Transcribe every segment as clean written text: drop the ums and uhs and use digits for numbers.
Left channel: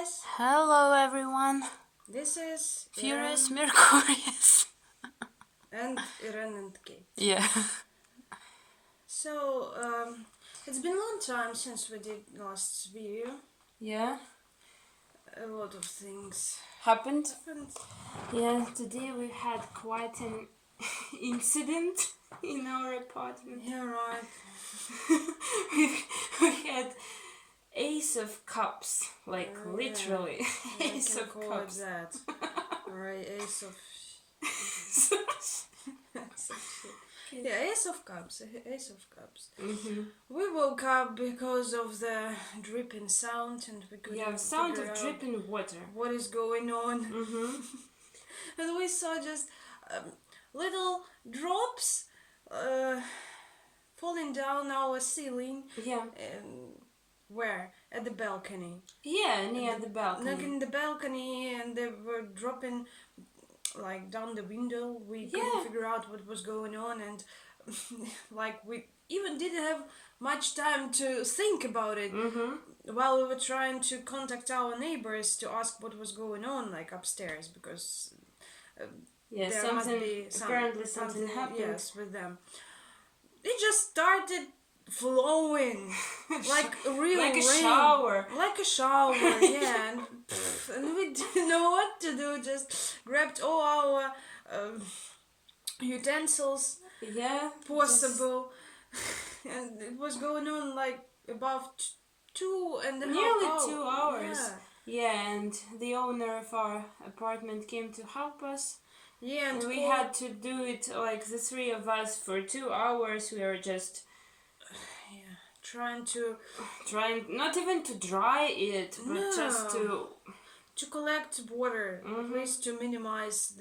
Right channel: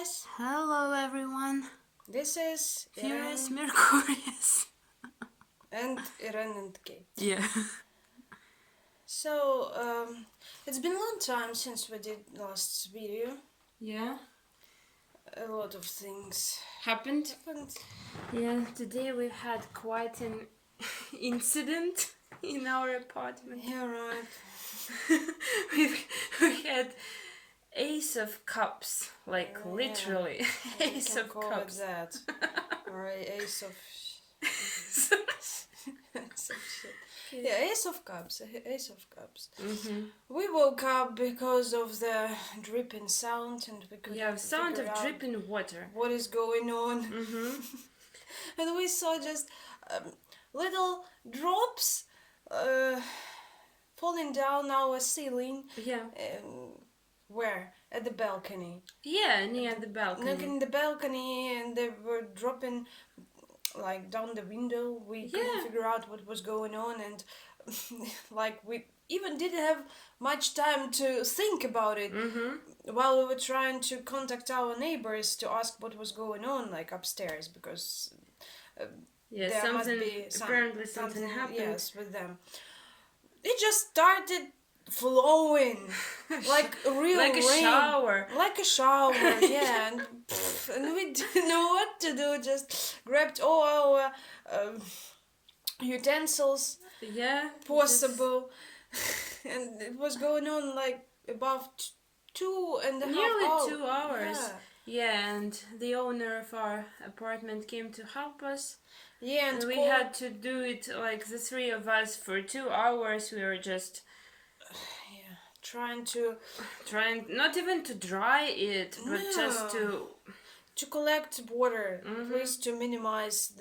guys. Hello everyone. This is Furious Mercurius. and Irene Kei. Yeah. So, it's been a long time since we did the last video. Yeah. A lot of things Happened. happened. Yeah, today we've had quite an incident in our apartment. Yeah, right. we had Ace of Cups, like literally Ace of Cups. That. Or Ace of... Yeah, Ace of Cups. Ace of Cups. Mm-hmm. We woke up because of the dripping sound, and we couldn't sound of figure out dripping water. what is going on. Mm-hmm. And we saw just little drops falling down our ceiling. Yeah. Where? At the balcony. Yeah, near the balcony. Looking at the balcony, and they were dropping like down the window. We couldn't figure out what was going on, and like we even didn't have much time to think about it while we were trying to contact our neighbors to ask what was going on, like upstairs, because apparently something happened. Yes, with them. It just started flowing like real like a rain. shower. Like a shower, yeah. And we didn't know what to do. Just grabbed all our utensils, possible, and it was going on like about 2.5 hours. Nearly 2 hours. Yeah, and the owner of our apartment came to help us. Yeah, and we had to do it like the three of us for 2 hours. We were just trying not even to dry it, but just to collect water, at least to minimize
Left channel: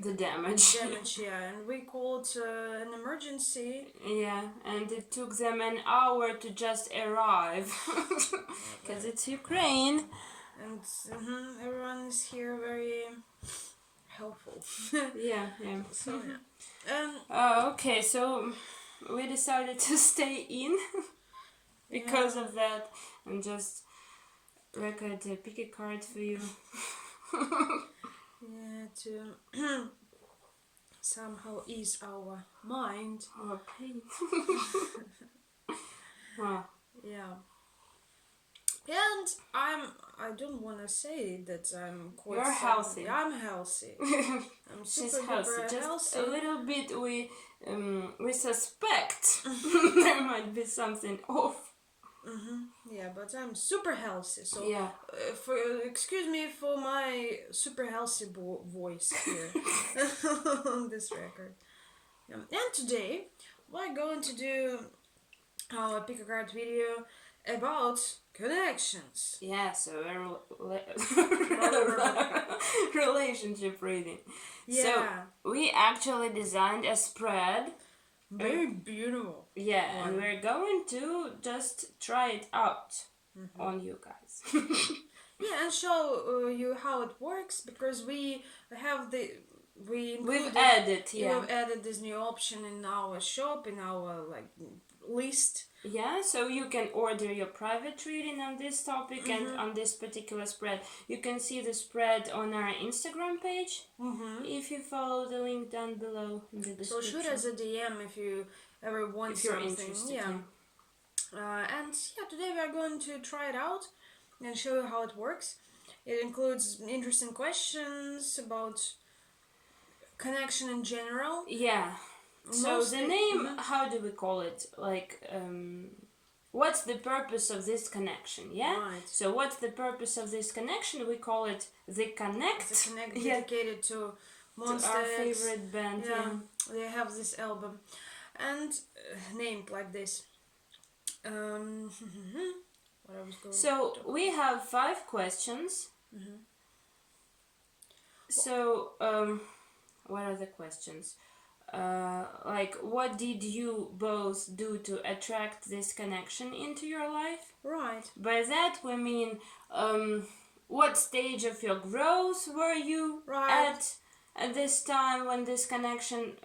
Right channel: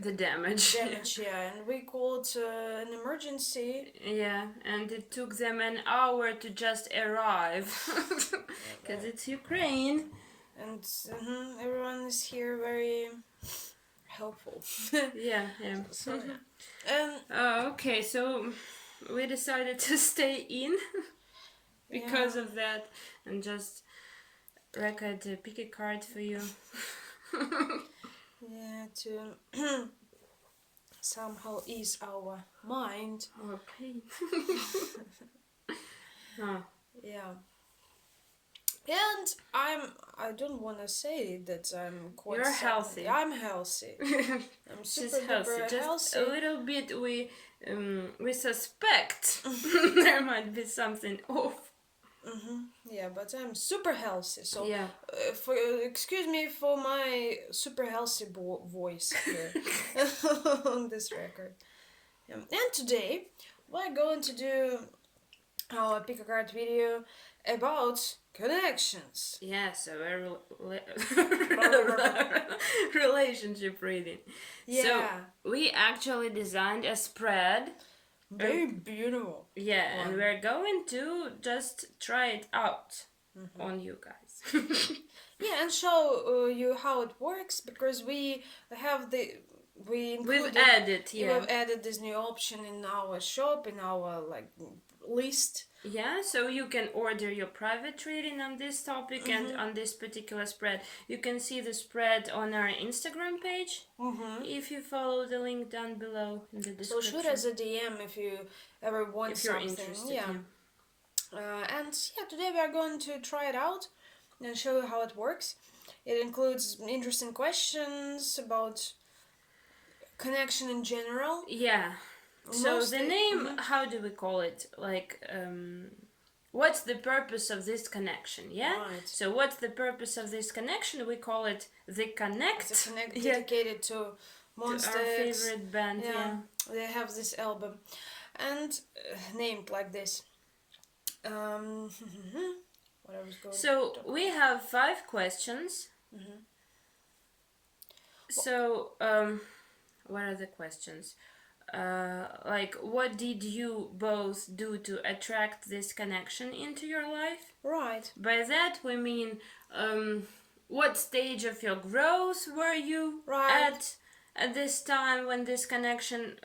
the damage. And we called an emergency. Yeah, and it took them an hour to just arrive, because it's Ukraine. And everyone is here very helpful. yeah. So, okay, so we decided to stay in because of that, and just record a pick a card for you. To somehow ease our mind. Our pain. Yeah. And I don't want to say that I'm quite... You're healthy. I'm healthy. I'm super healthy. Just healthy. a little bit we suspect there might be something off. Yeah, but I'm super healthy. So yeah. Excuse me for my super healthy voice here on this record. And today we're going to do our pick a card video about connections. Yeah, so relationship reading. Yeah. So we actually designed a spread. Very beautiful. Yeah, and we're going to just try it out on you guys. Yeah, and show you how it works, because we have we've added this new option in our shop, in our list. Yeah, so you can order your private reading on this topic and on this particular spread. You can see the spread on our Instagram page if you follow the link down below in the description. So shoot us a DM if you ever want if you're something. Interested. And today we are going to try it out and show you how it works. It includes interesting questions about connection in general. Yeah. So the name, how do we call it? Like, what's the purpose of this connection? Yeah. Right. So what's the purpose of this connection? We call it the Connect. It's a Connect dedicated to Monster our favorite band. Yeah. They have this album, and named like this. So we have 5 questions. So what are the questions? Like, what did you both do to attract this connection into your life? Right. By that we mean, what stage of your growth were you at this time when this connection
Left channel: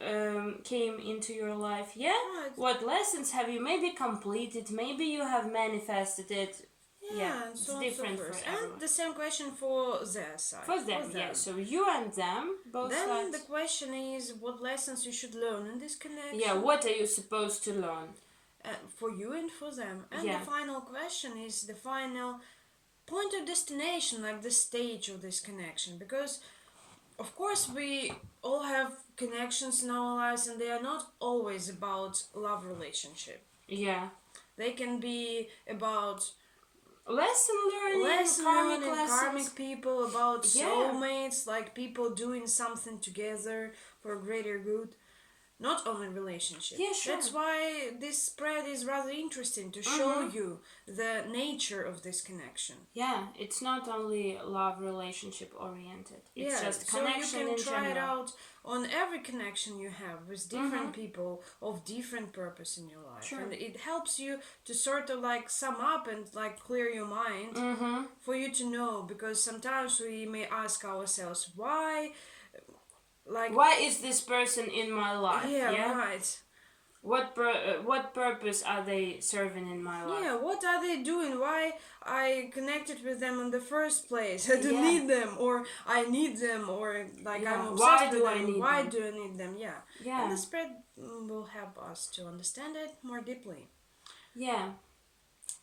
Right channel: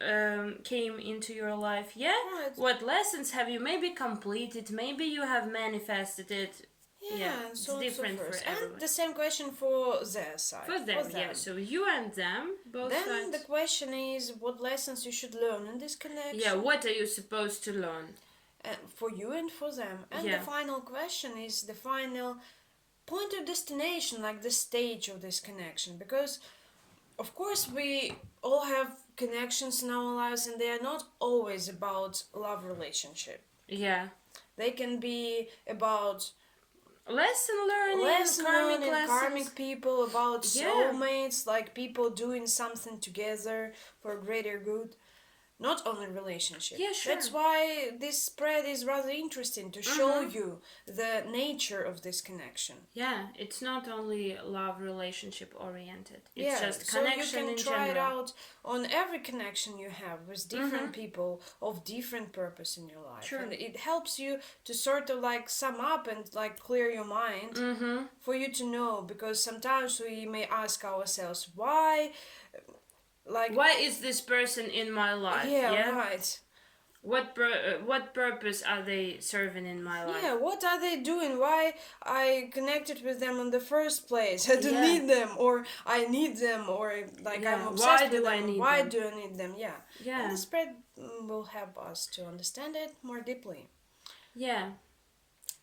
came into your life? Yeah. Right. What lessons have you maybe completed? Maybe you have manifested it. Yeah, and it's so different so for forth. everyone. And the same question for their side. For them, yeah. So you and them, both then sides. the question is what lessons you should learn in this connection. Yeah, what are you supposed to learn? For you and for them. And Yeah. the final question is the final point of destination, like the stage of this connection. Because, of course, we all have connections in our lives and they are not always about love relationship. Yeah. They can be about lesson learning, karmic people, about soulmates, like people doing something together for greater good. Not only relationship. Yeah, sure. That's why this spread is rather interesting to show you the nature of this connection. Yeah, it's not only love relationship oriented. It's just connection so you can in try general. it out on every connection you have with different people of different purpose in your life. Sure. And it helps you to sort of like sum up and like clear your mind for you to know, because sometimes we may ask ourselves why is this person in my life? Yeah, right. What purpose are they serving in my life? Yeah, what are they doing? Why I connected with them in the first place? I don't need them, or I need them, or like I'm obsessed Why with do them. I need Why them? do I need them? Yeah. Yeah. And the spread will help us to understand it more deeply. Yeah.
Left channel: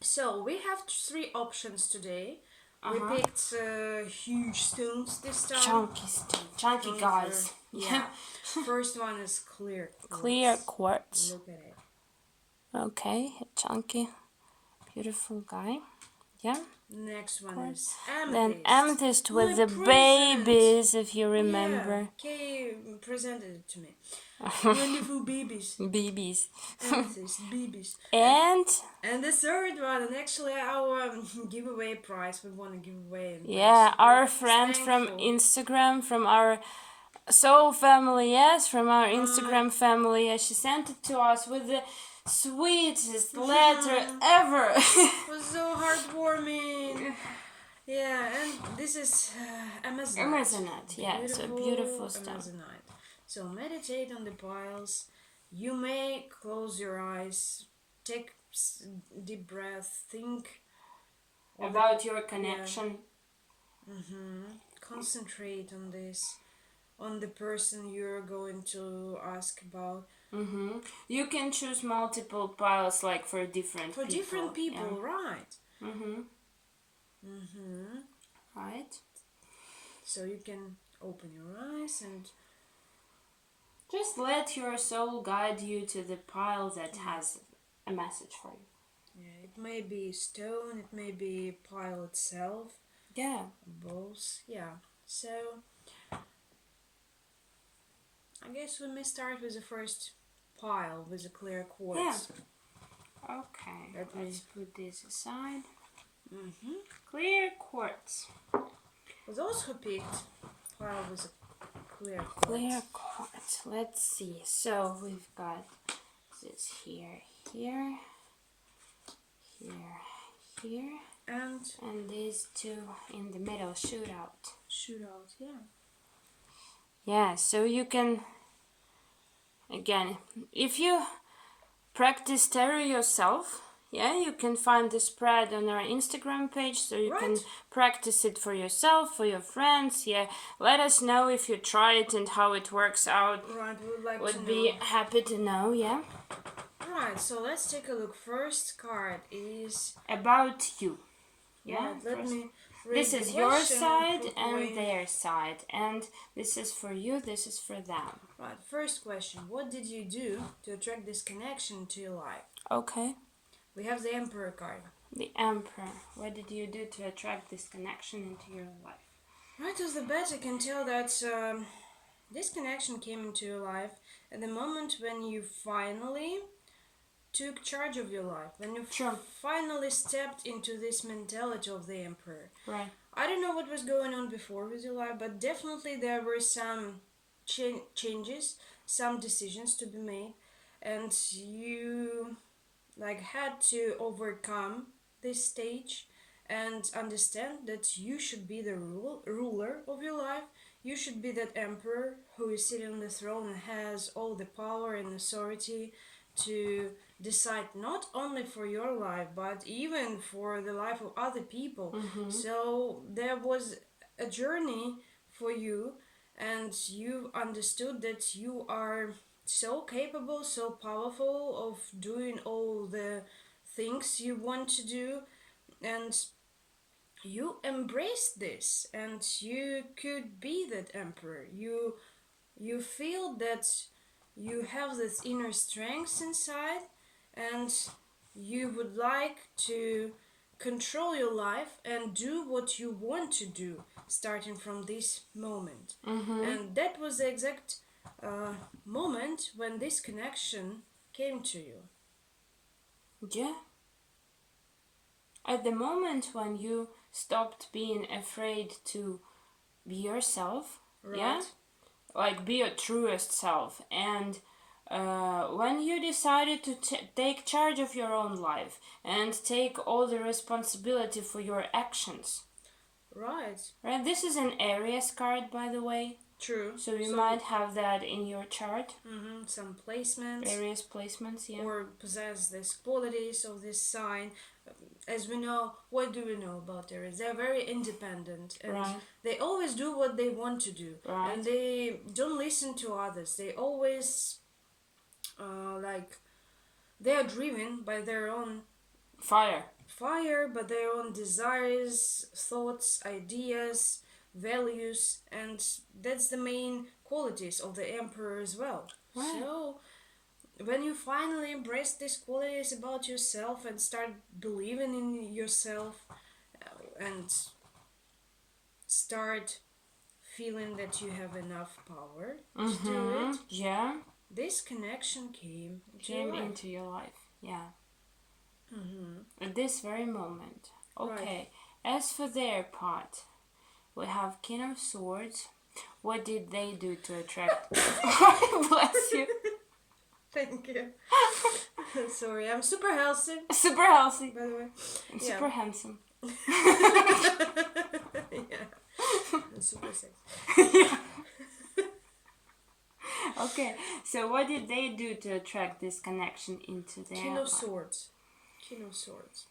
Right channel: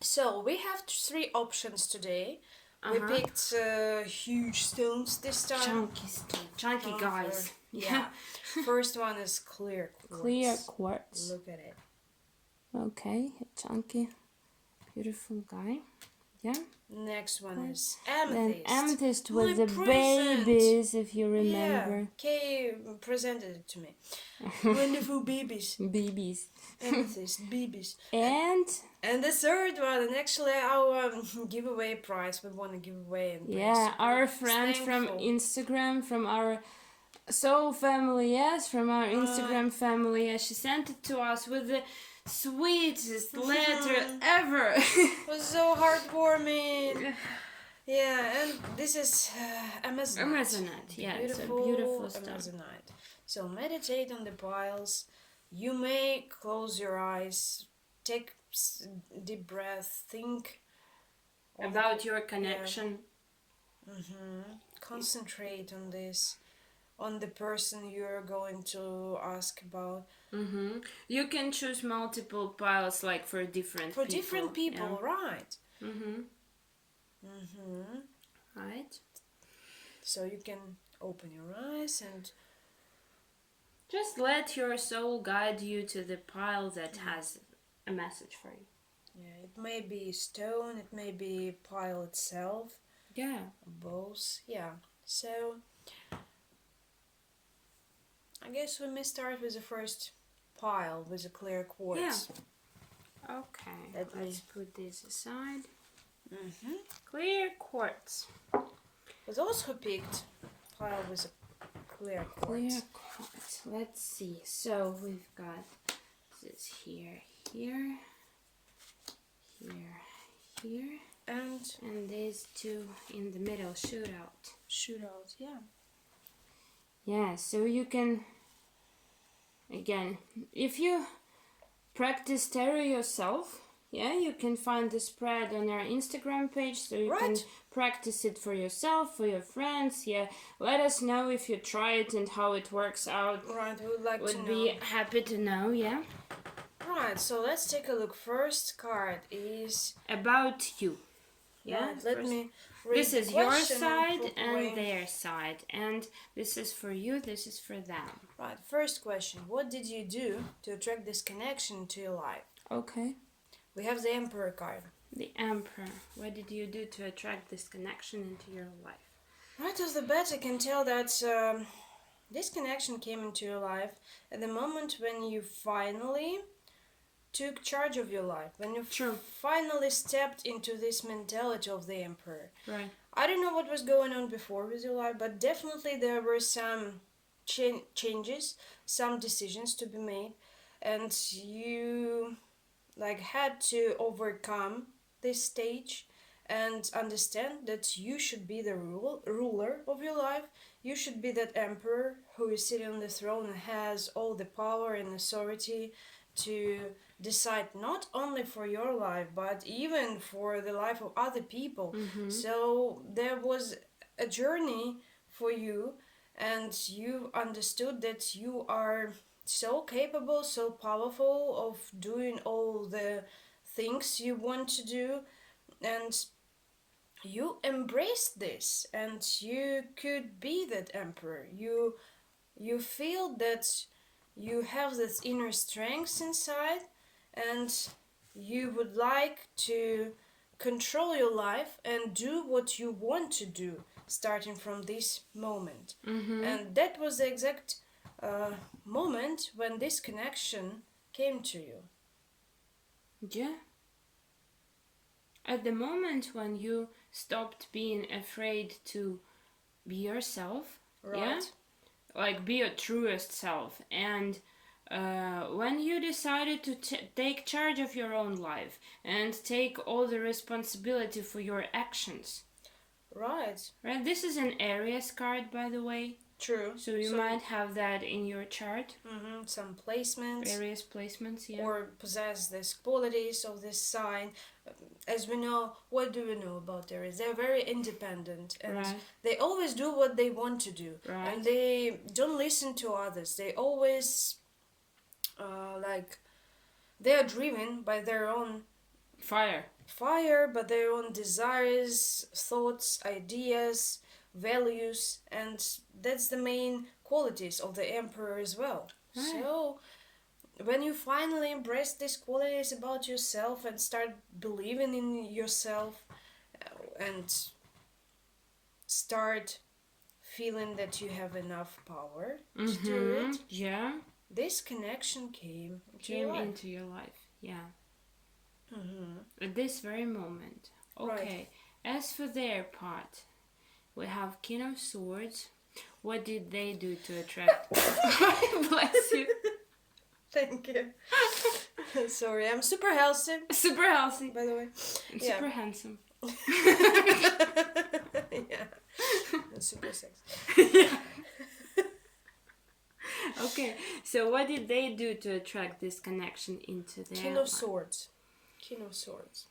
So we have 3 options today. We picked huge stones this time. Chunky guys. Yeah. First one is clear quartz. Clear quartz. Look at it. Okay, chunky, beautiful guy. Yeah. Next one is amethyst. Then amethyst with the babies, if you remember. Yeah, Kei presented it to me. Wonderful babies. Babies. Amethyst, babies. And the third one, and actually our giveaway prize we want to give away. Yeah, our friend from Instagram, from our soul family, from our Instagram family, she sent it to us with the sweetest letter ever. It was so heartwarming. Yeah, and this is Amazonite. Amazonite, yeah, it's a beautiful stone. Amazonite. So meditate on the piles. You may close your eyes, take deep breath, think about your connection. Concentrate on this, on the person you're going to ask about. You can choose multiple piles, like for different people. Right. Right. So you can open your eyes and just let your soul guide you to the pile that has a message for you. Yeah, it may be stone, it may be pile itself. Yeah. Both. Yeah. So I guess we may start with the first pile with a clear quartz. Yeah. Okay. Let's put this aside. Clear quartz. For those who picked pile with a clear quartz. Clear quartz. Let's see. So we've got this here, and these two in the middle. Shoot out. Yeah. Yeah. So you can, again, if you practice tarot yourself, you can find the spread on our Instagram page, so you can practice it for yourself, for your friends. Let us know if you try it and how it works out. Right, we would like to know. Would be happy to know. Right, so let's take a look. First card is about you. Let me read this is your side properly. And their side, and this is for you, this is for them. Right, first question. What did you do to attract this connection to your life? Okay. We have the Emperor card. The Emperor. What did you do to attract this connection into your life? Right off the bat, I can tell that this connection came into your life at the moment when you finally took charge of your life, when you finally stepped into this mentality of the Emperor. Right. I don't know what was going on before with your life, but definitely there were some changes, some decisions to be made, and you had to overcome this stage and understand that you should be the ruler of your life. You should be that emperor who is sitting on the throne and has all the power and authority to decide not only for your life but even for the life of other people. So there was a journey for you, and you understood that you are so capable, so powerful of doing all the things you want to do, and you embraced this, and you could be that emperor. You feel that you have this inner strength inside, and you would like to control your life and do what you want to do starting from this moment. And that was the exact moment when this connection came to you. Yeah. At the moment when you stopped being afraid to be yourself, Right. yeah, like be your truest self, and when you decided to take charge of your own life and take all the responsibility for your actions. Right. This is an Aries card, by the way. True. So you might have that in your chart. Some placements. Various placements, yeah. Or possess these qualities of this sign. As we know, what do we know about Aries? They're very independent, and they always do what they want to do, and they don't listen to others. They always they are driven by their own fire, by their own desires, thoughts, ideas, values, and that's the main qualities of the Emperor as well. So when you finally embrace these qualities about yourself and start believing in yourself and start feeling that you have enough power to do it, this connection came into your life. At this very moment. Okay. As for their part, we have King of Swords. What did they do to attract? Bless you. Thank you. Sorry, I'm super healthy. Super healthy, by the way. And super handsome. And super sexy. Okay, so what did they do to attract this connection into their King of life? Swords. King of Swords.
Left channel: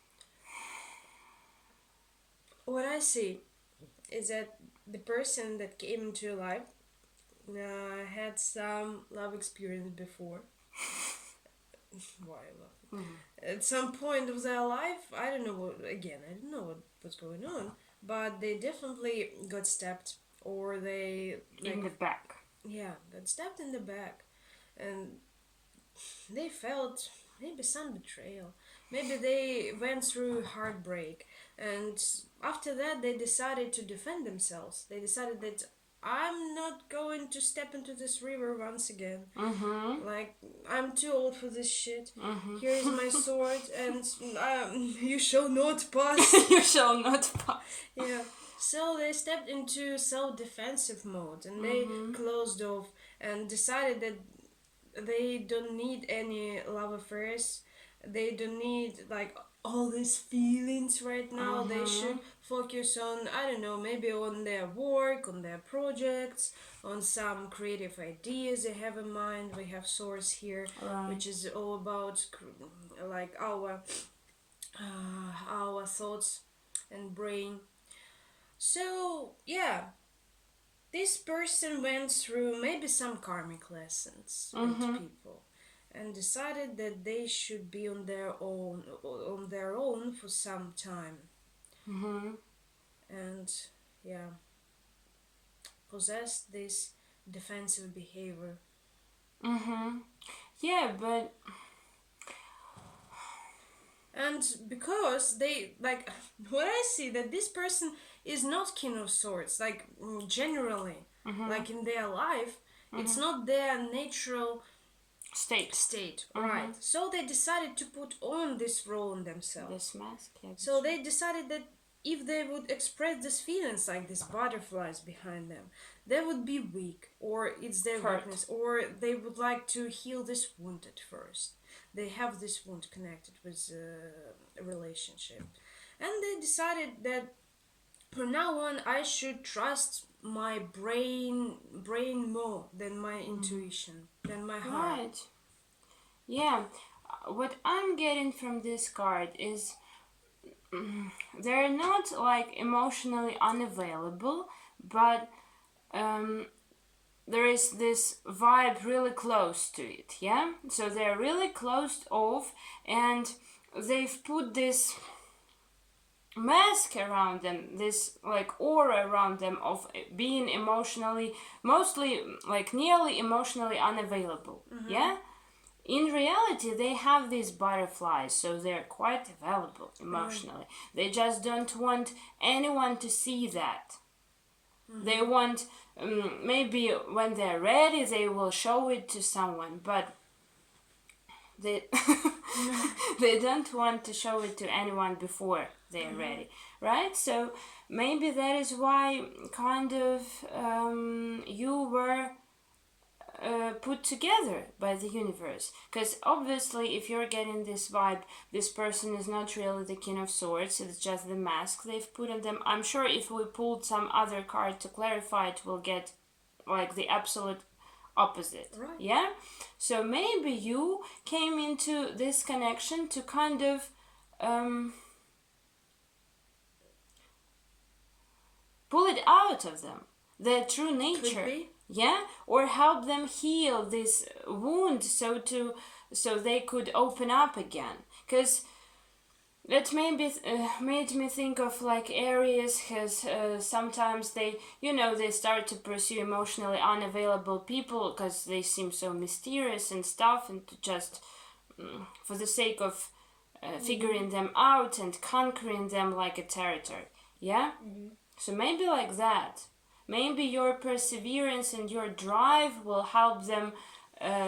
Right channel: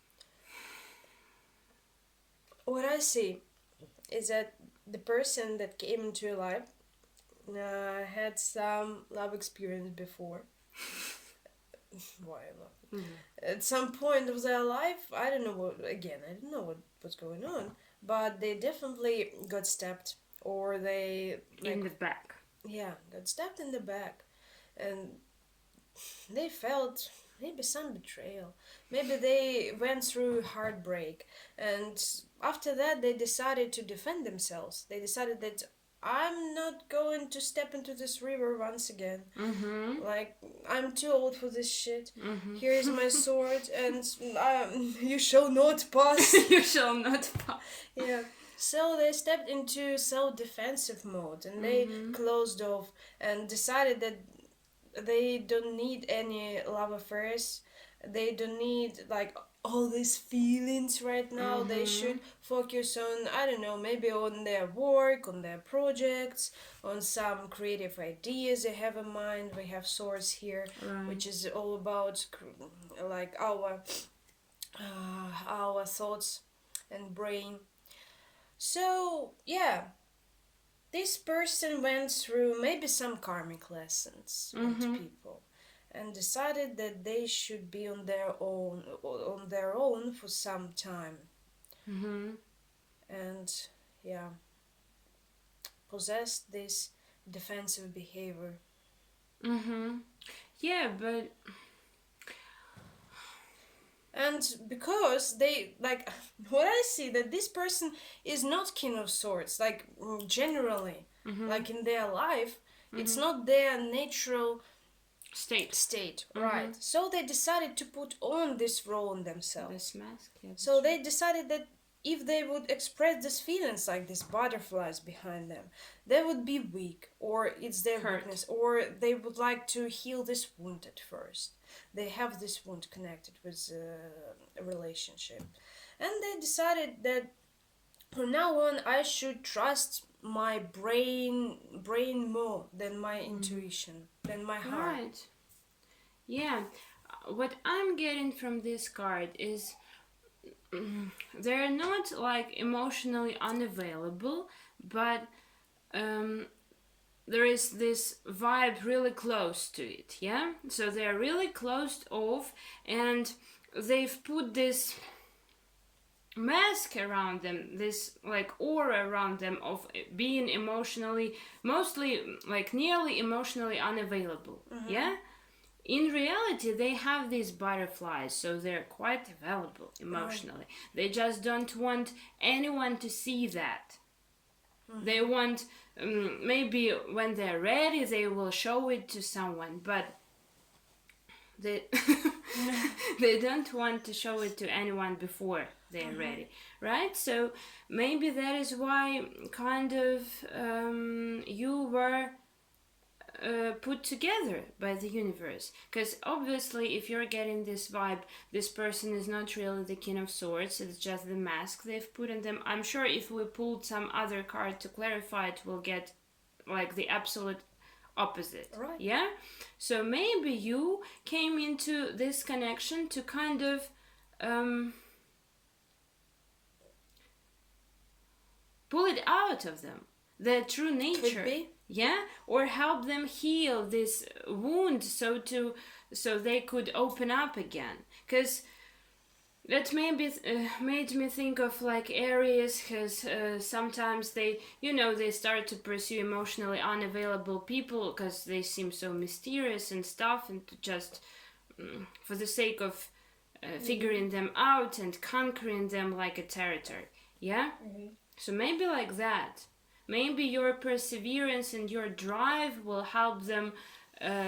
What I see is that the person that came into your life had some love experience before. Why love? At some point of their life, I don't know what's going on, but they definitely got stabbed, or they in the back. Yeah, got stabbed in the back, and they felt maybe some betrayal. Maybe they went through heartbreak, and after that they decided to defend themselves. They decided that I'm not going to step into this river once again. Like, I'm too old for this shit. Here is my sword, and you shall not pass. You shall not pass. Yeah. So they stepped into self-defensive mode, and they closed off and decided that they don't need any love affairs. They don't need all these feelings right now. They should focus on, I don't know, maybe on their work, on their projects, on some creative ideas they have in mind. We have Source here, which is all about our thoughts and brain. So yeah, this person went through maybe some karmic lessons with people, and decided that they should be on their own for some time. And possessed this defensive behavior. Yeah, but and because they what I see, that this person is not King of Swords, generally, in their life, it's not their natural state, right? So they decided to put on this role on themselves, this mask. Yeah, so they decided that if they would express these feelings, like these butterflies behind them, they would be weak, or it's their weakness, or they would like to heal this wound at first. They have this wound connected with a relationship, and they decided that from now on I should trust my brain more than my intuition, than my heart. Right. Yeah. what I'm getting from this card is they're not like emotionally unavailable, but there is this vibe really close to it, yeah? So they're really closed off, and they've put this mask around them, this like aura around them of being emotionally, mostly like nearly emotionally unavailable, yeah? In reality, they have these butterflies, so they're quite available emotionally. They just don't want anyone to see that. They want, maybe when they're ready, they will show it to someone, but they they don't want to show it to anyone before they're ready, right? So maybe that is why kind of you were put together by the universe, because obviously if you're getting this vibe, this person is not really the King of Swords, it's just the mask they've put on them. I'm sure if we pulled some other card to clarify it, we'll get like the absolute opposite, right. Yeah, so maybe you came into this connection to kind of pull it out of them, their true nature, yeah, or help them heal this wound so they could open up again. Because that maybe made me think of like Aries, because sometimes they start to pursue emotionally unavailable people because they seem so mysterious and stuff, and to just for the sake of figuring them out and conquering them like a territory, yeah. So maybe like that. Maybe your perseverance and your drive will help them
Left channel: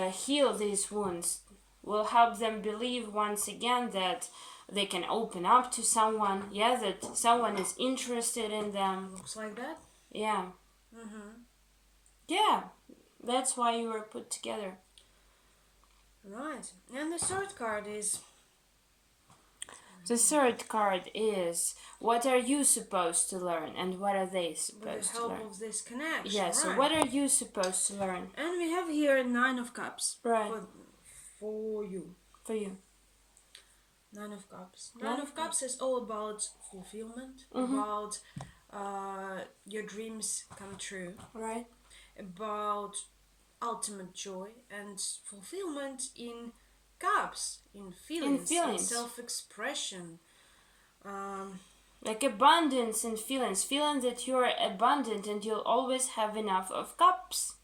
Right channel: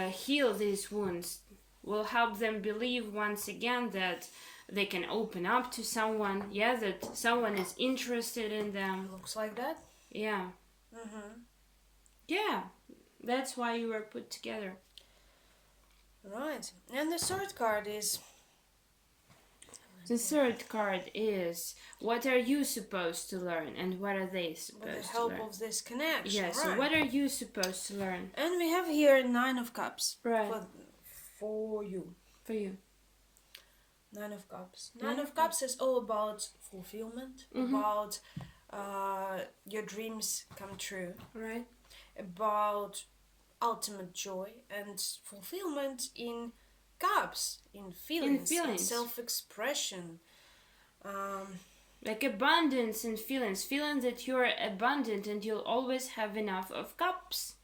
heal these wounds, will help them believe once again that they can open up to someone, yeah, that someone is interested in them. Looks like that. Yeah. Yeah, that's why you were put together. Right. And the third card is... The third card is, what are you supposed to learn and what are they supposed to learn? With the help of this connection. Yeah, right. So what are you supposed to learn? And we have here 9 of Cups. Right. For you. For you. 9 of Cups. 9 of Cups is all about fulfillment, about your dreams come true. Right. About ultimate joy and fulfillment in cups, in feelings. In self-expression. Like abundance and feelings. Feeling that you're abundant and you'll always have enough of cups.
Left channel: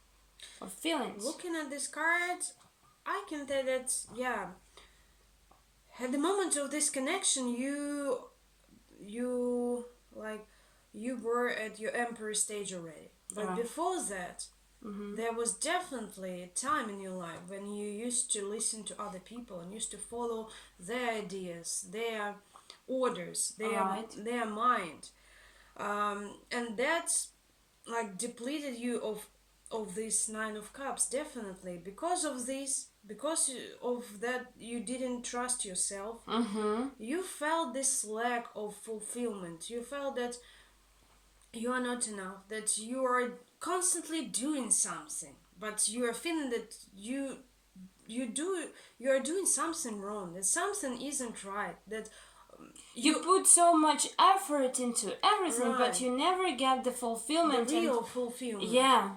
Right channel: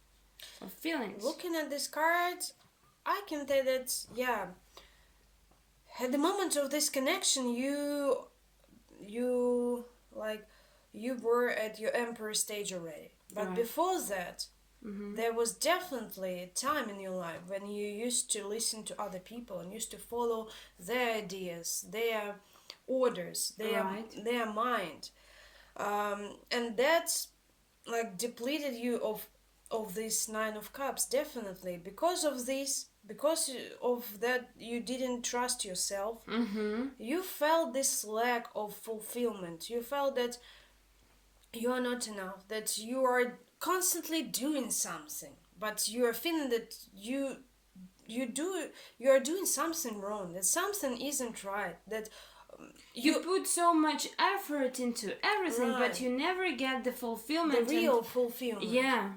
Of feelings. Looking at this card, I can tell that, yeah, at the moment of this connection, you were at your Emperor stage already. But before that, there was definitely a time in your life when you used to listen to other people and used to follow their ideas, their orders, their mind, and that's like depleted you of this 9 of Cups, definitely. Because of that, you didn't trust yourself. You felt this lack of fulfillment. You felt that you are not enough, that you are constantly doing something, but you are feeling that you are doing something wrong, that something isn't right, that you put so much effort into everything, but you never get the fulfillment, the real fulfillment. Yeah.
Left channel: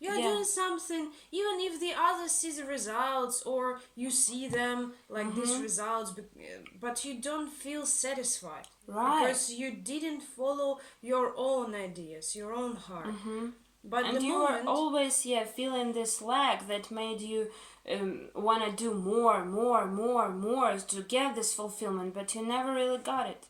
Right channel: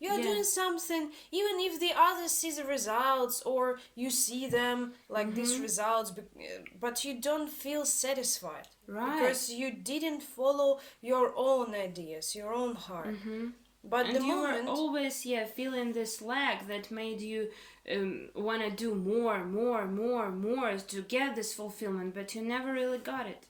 You are doing something, even if the others see the results or you see them like these results, but you don't feel satisfied. Right. Because you didn't follow your own ideas, your own heart. But and you were always feeling this lack that made you want to do more to get this fulfillment, but you never really got it.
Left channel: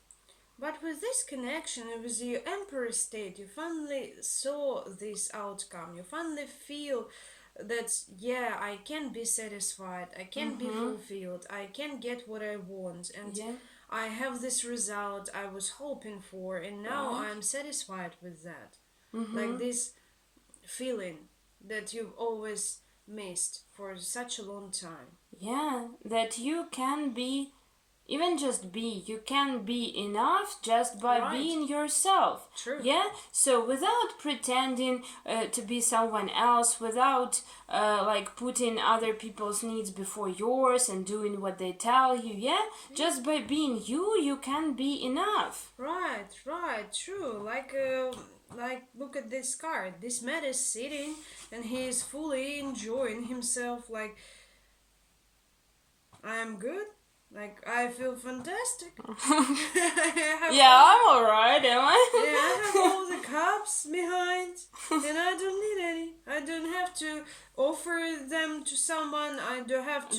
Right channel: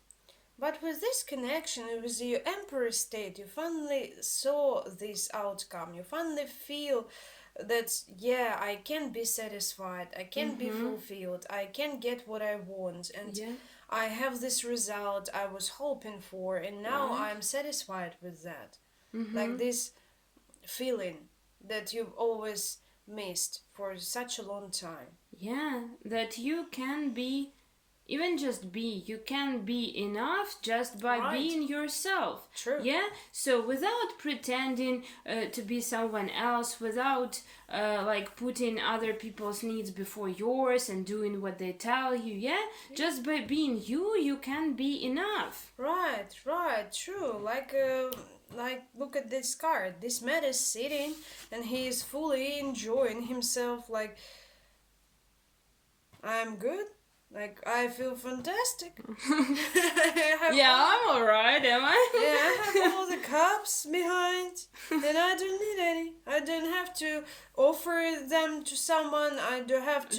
But with this connection, with your Emperor state, you finally saw this outcome. You finally feel that, I can be satisfied, I can be fulfilled, I can get what I want, and I have this result I was hoping for, and now I'm satisfied with that. Like this feeling that you've always missed for such a long time. Yeah, that you can be even just be. You can be enough just by being yourself. True. Yeah? So without pretending to be someone else, without like putting other people's needs before yours and doing what they tell you, yeah? Just by being you, you can be enough. Right, true. Like look at this card. This man is sitting and he is fully enjoying himself. Like, I'm good. Like, I feel fantastic. I'm alright, am I? Yeah, I have all the cups behind, and I don't need any. I don't have to offer them to someone. I don't have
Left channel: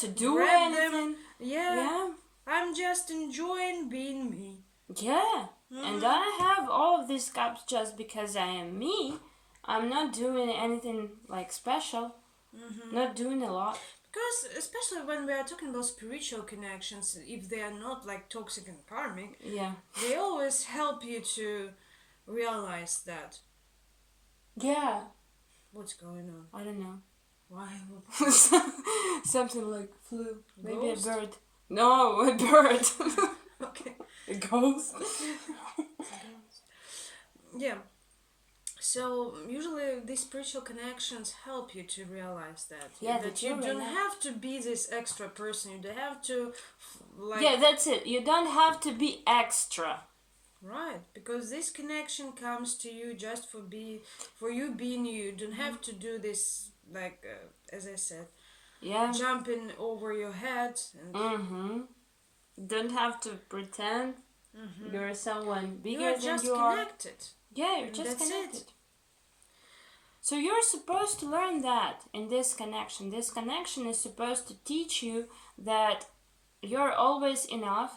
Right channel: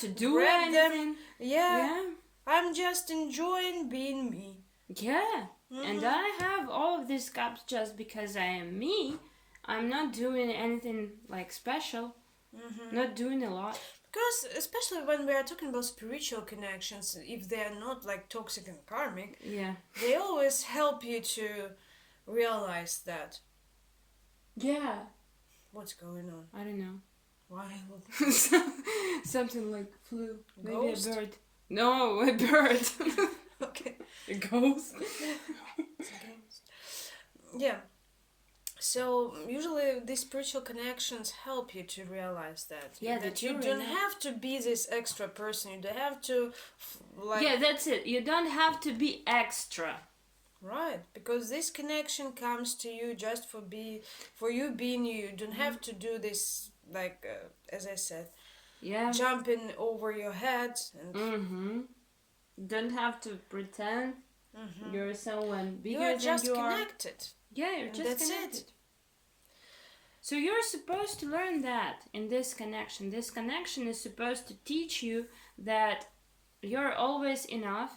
to do anything. Them. Yeah, I'm just enjoying being me. Yeah, and I have all of these cups just because I am me. I'm not doing anything like special. Not doing a lot. Because especially when we are talking about spiritual connections, if they are not like toxic and karmic, they always help you to realize that. Yeah. What's going on? I don't know. Why? Something like flu. Maybe Ghost? a bird. No, a bird. Okay. A ghost. Yeah. So usually these spiritual connections help you to realize that you don't have to be this extra person. You don't have to that's it. You don't have to be extra. Right, because this connection comes to you just for you being you. You don't have to do this like as I said. Yeah. Jumping over your head and don't have to pretend you're someone bigger you're than just you connected. Yeah, you're just That's connected. it. So you're supposed to learn that in this connection. This connection is supposed to teach you that you're always enough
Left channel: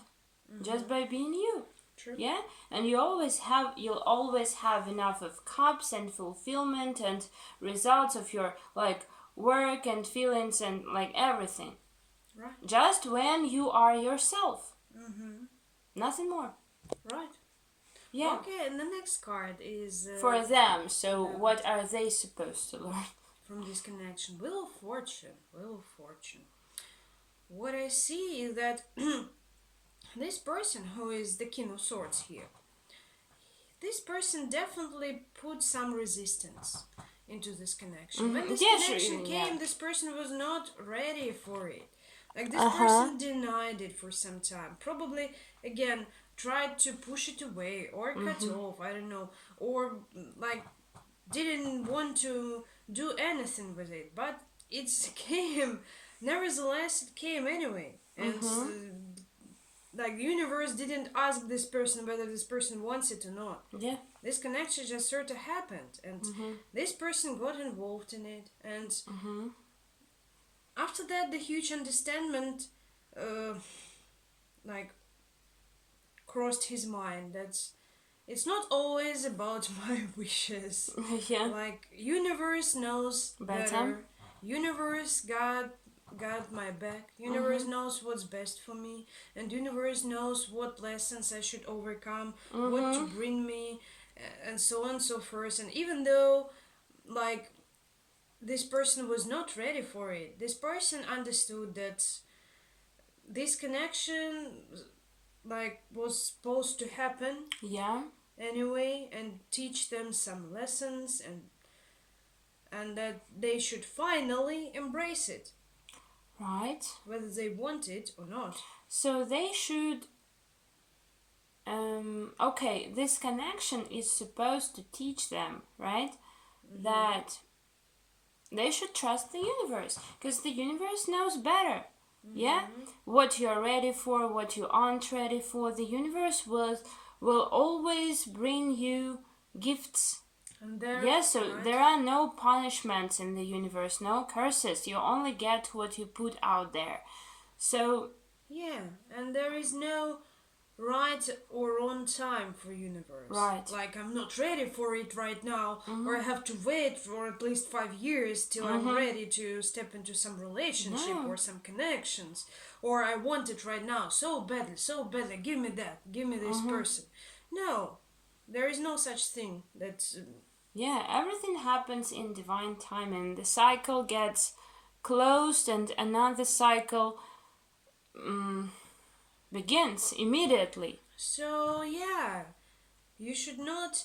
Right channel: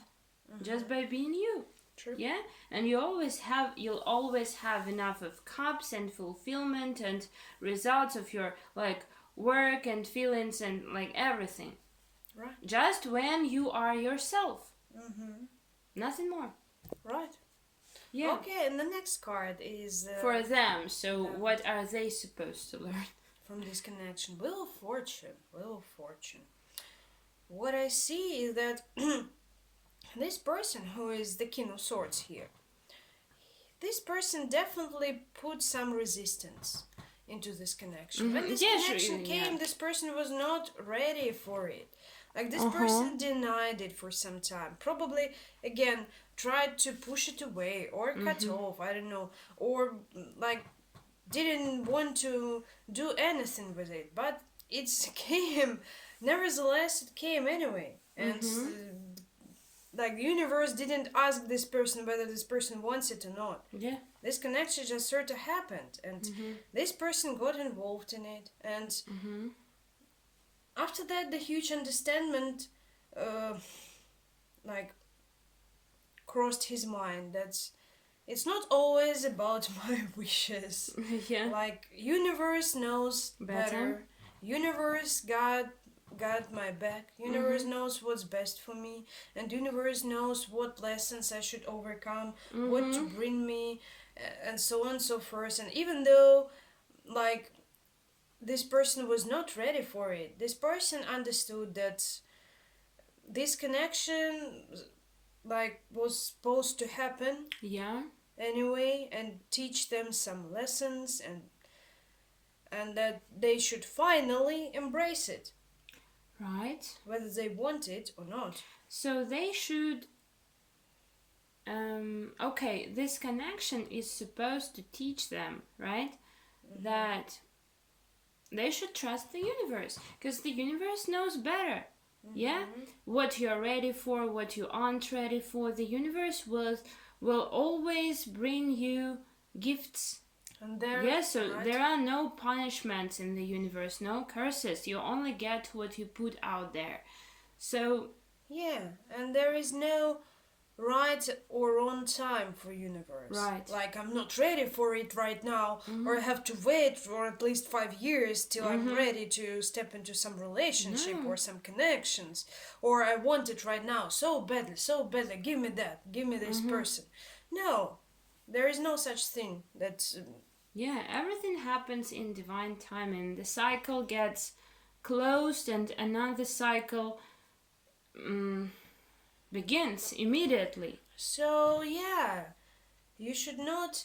just by being you. True. Yeah? And you'll always have enough of cups and fulfillment and results of your like work and feelings and like everything. Right. Just when you are yourself. Nothing more. Right. Yeah. Okay, and the next card is for them. So what are they supposed to learn from this connection? Wheel of Fortune. What I see is that this person who is the King of Swords here, this person definitely put some resistance into this connection. When this connection came, this person was not ready for it. Like, this person denied it for some time. Probably, again, tried to push it away or cut off, I don't know. Or, like, didn't want to do anything with it. But it came. Nevertheless, it came anyway. And, like, the universe didn't ask this person whether this person wants it or not. Yeah. This connection just sort of happened. And this person got involved in it. And... after that, the huge understanding, crossed his mind that it's not always about my wishes. Yeah. Like, universe knows better. Universe got my back. Universe knows what's best for me. And universe knows what lessons I should overcome, what to bring me, and so on and so forth. And even though, like... this person was not ready for it. This person understood that this connection, like, was supposed to happen. Yeah. Anyway, and teach them some lessons, and that they should finally embrace it. Right. Whether they want it or not. So they should. Okay, this connection is supposed to teach them, right? That. They should trust the universe, because the universe knows better. Yeah? What you're ready for, what you aren't ready for. The universe will always bring you gifts. And there are no punishments in the universe, no curses. You only get what you put out there. So... yeah, and there is no right or wrong time for universe. Right. Like, I'm not ready for it right now, or I have to wait for at least 5 years till I'm ready to step into some relationship or some connections, or I want it right now so badly, give me that, give me this person. No, there is no such thing. That's yeah, everything happens in divine timing. The cycle gets closed and another cycle begins immediately. So yeah, you should not.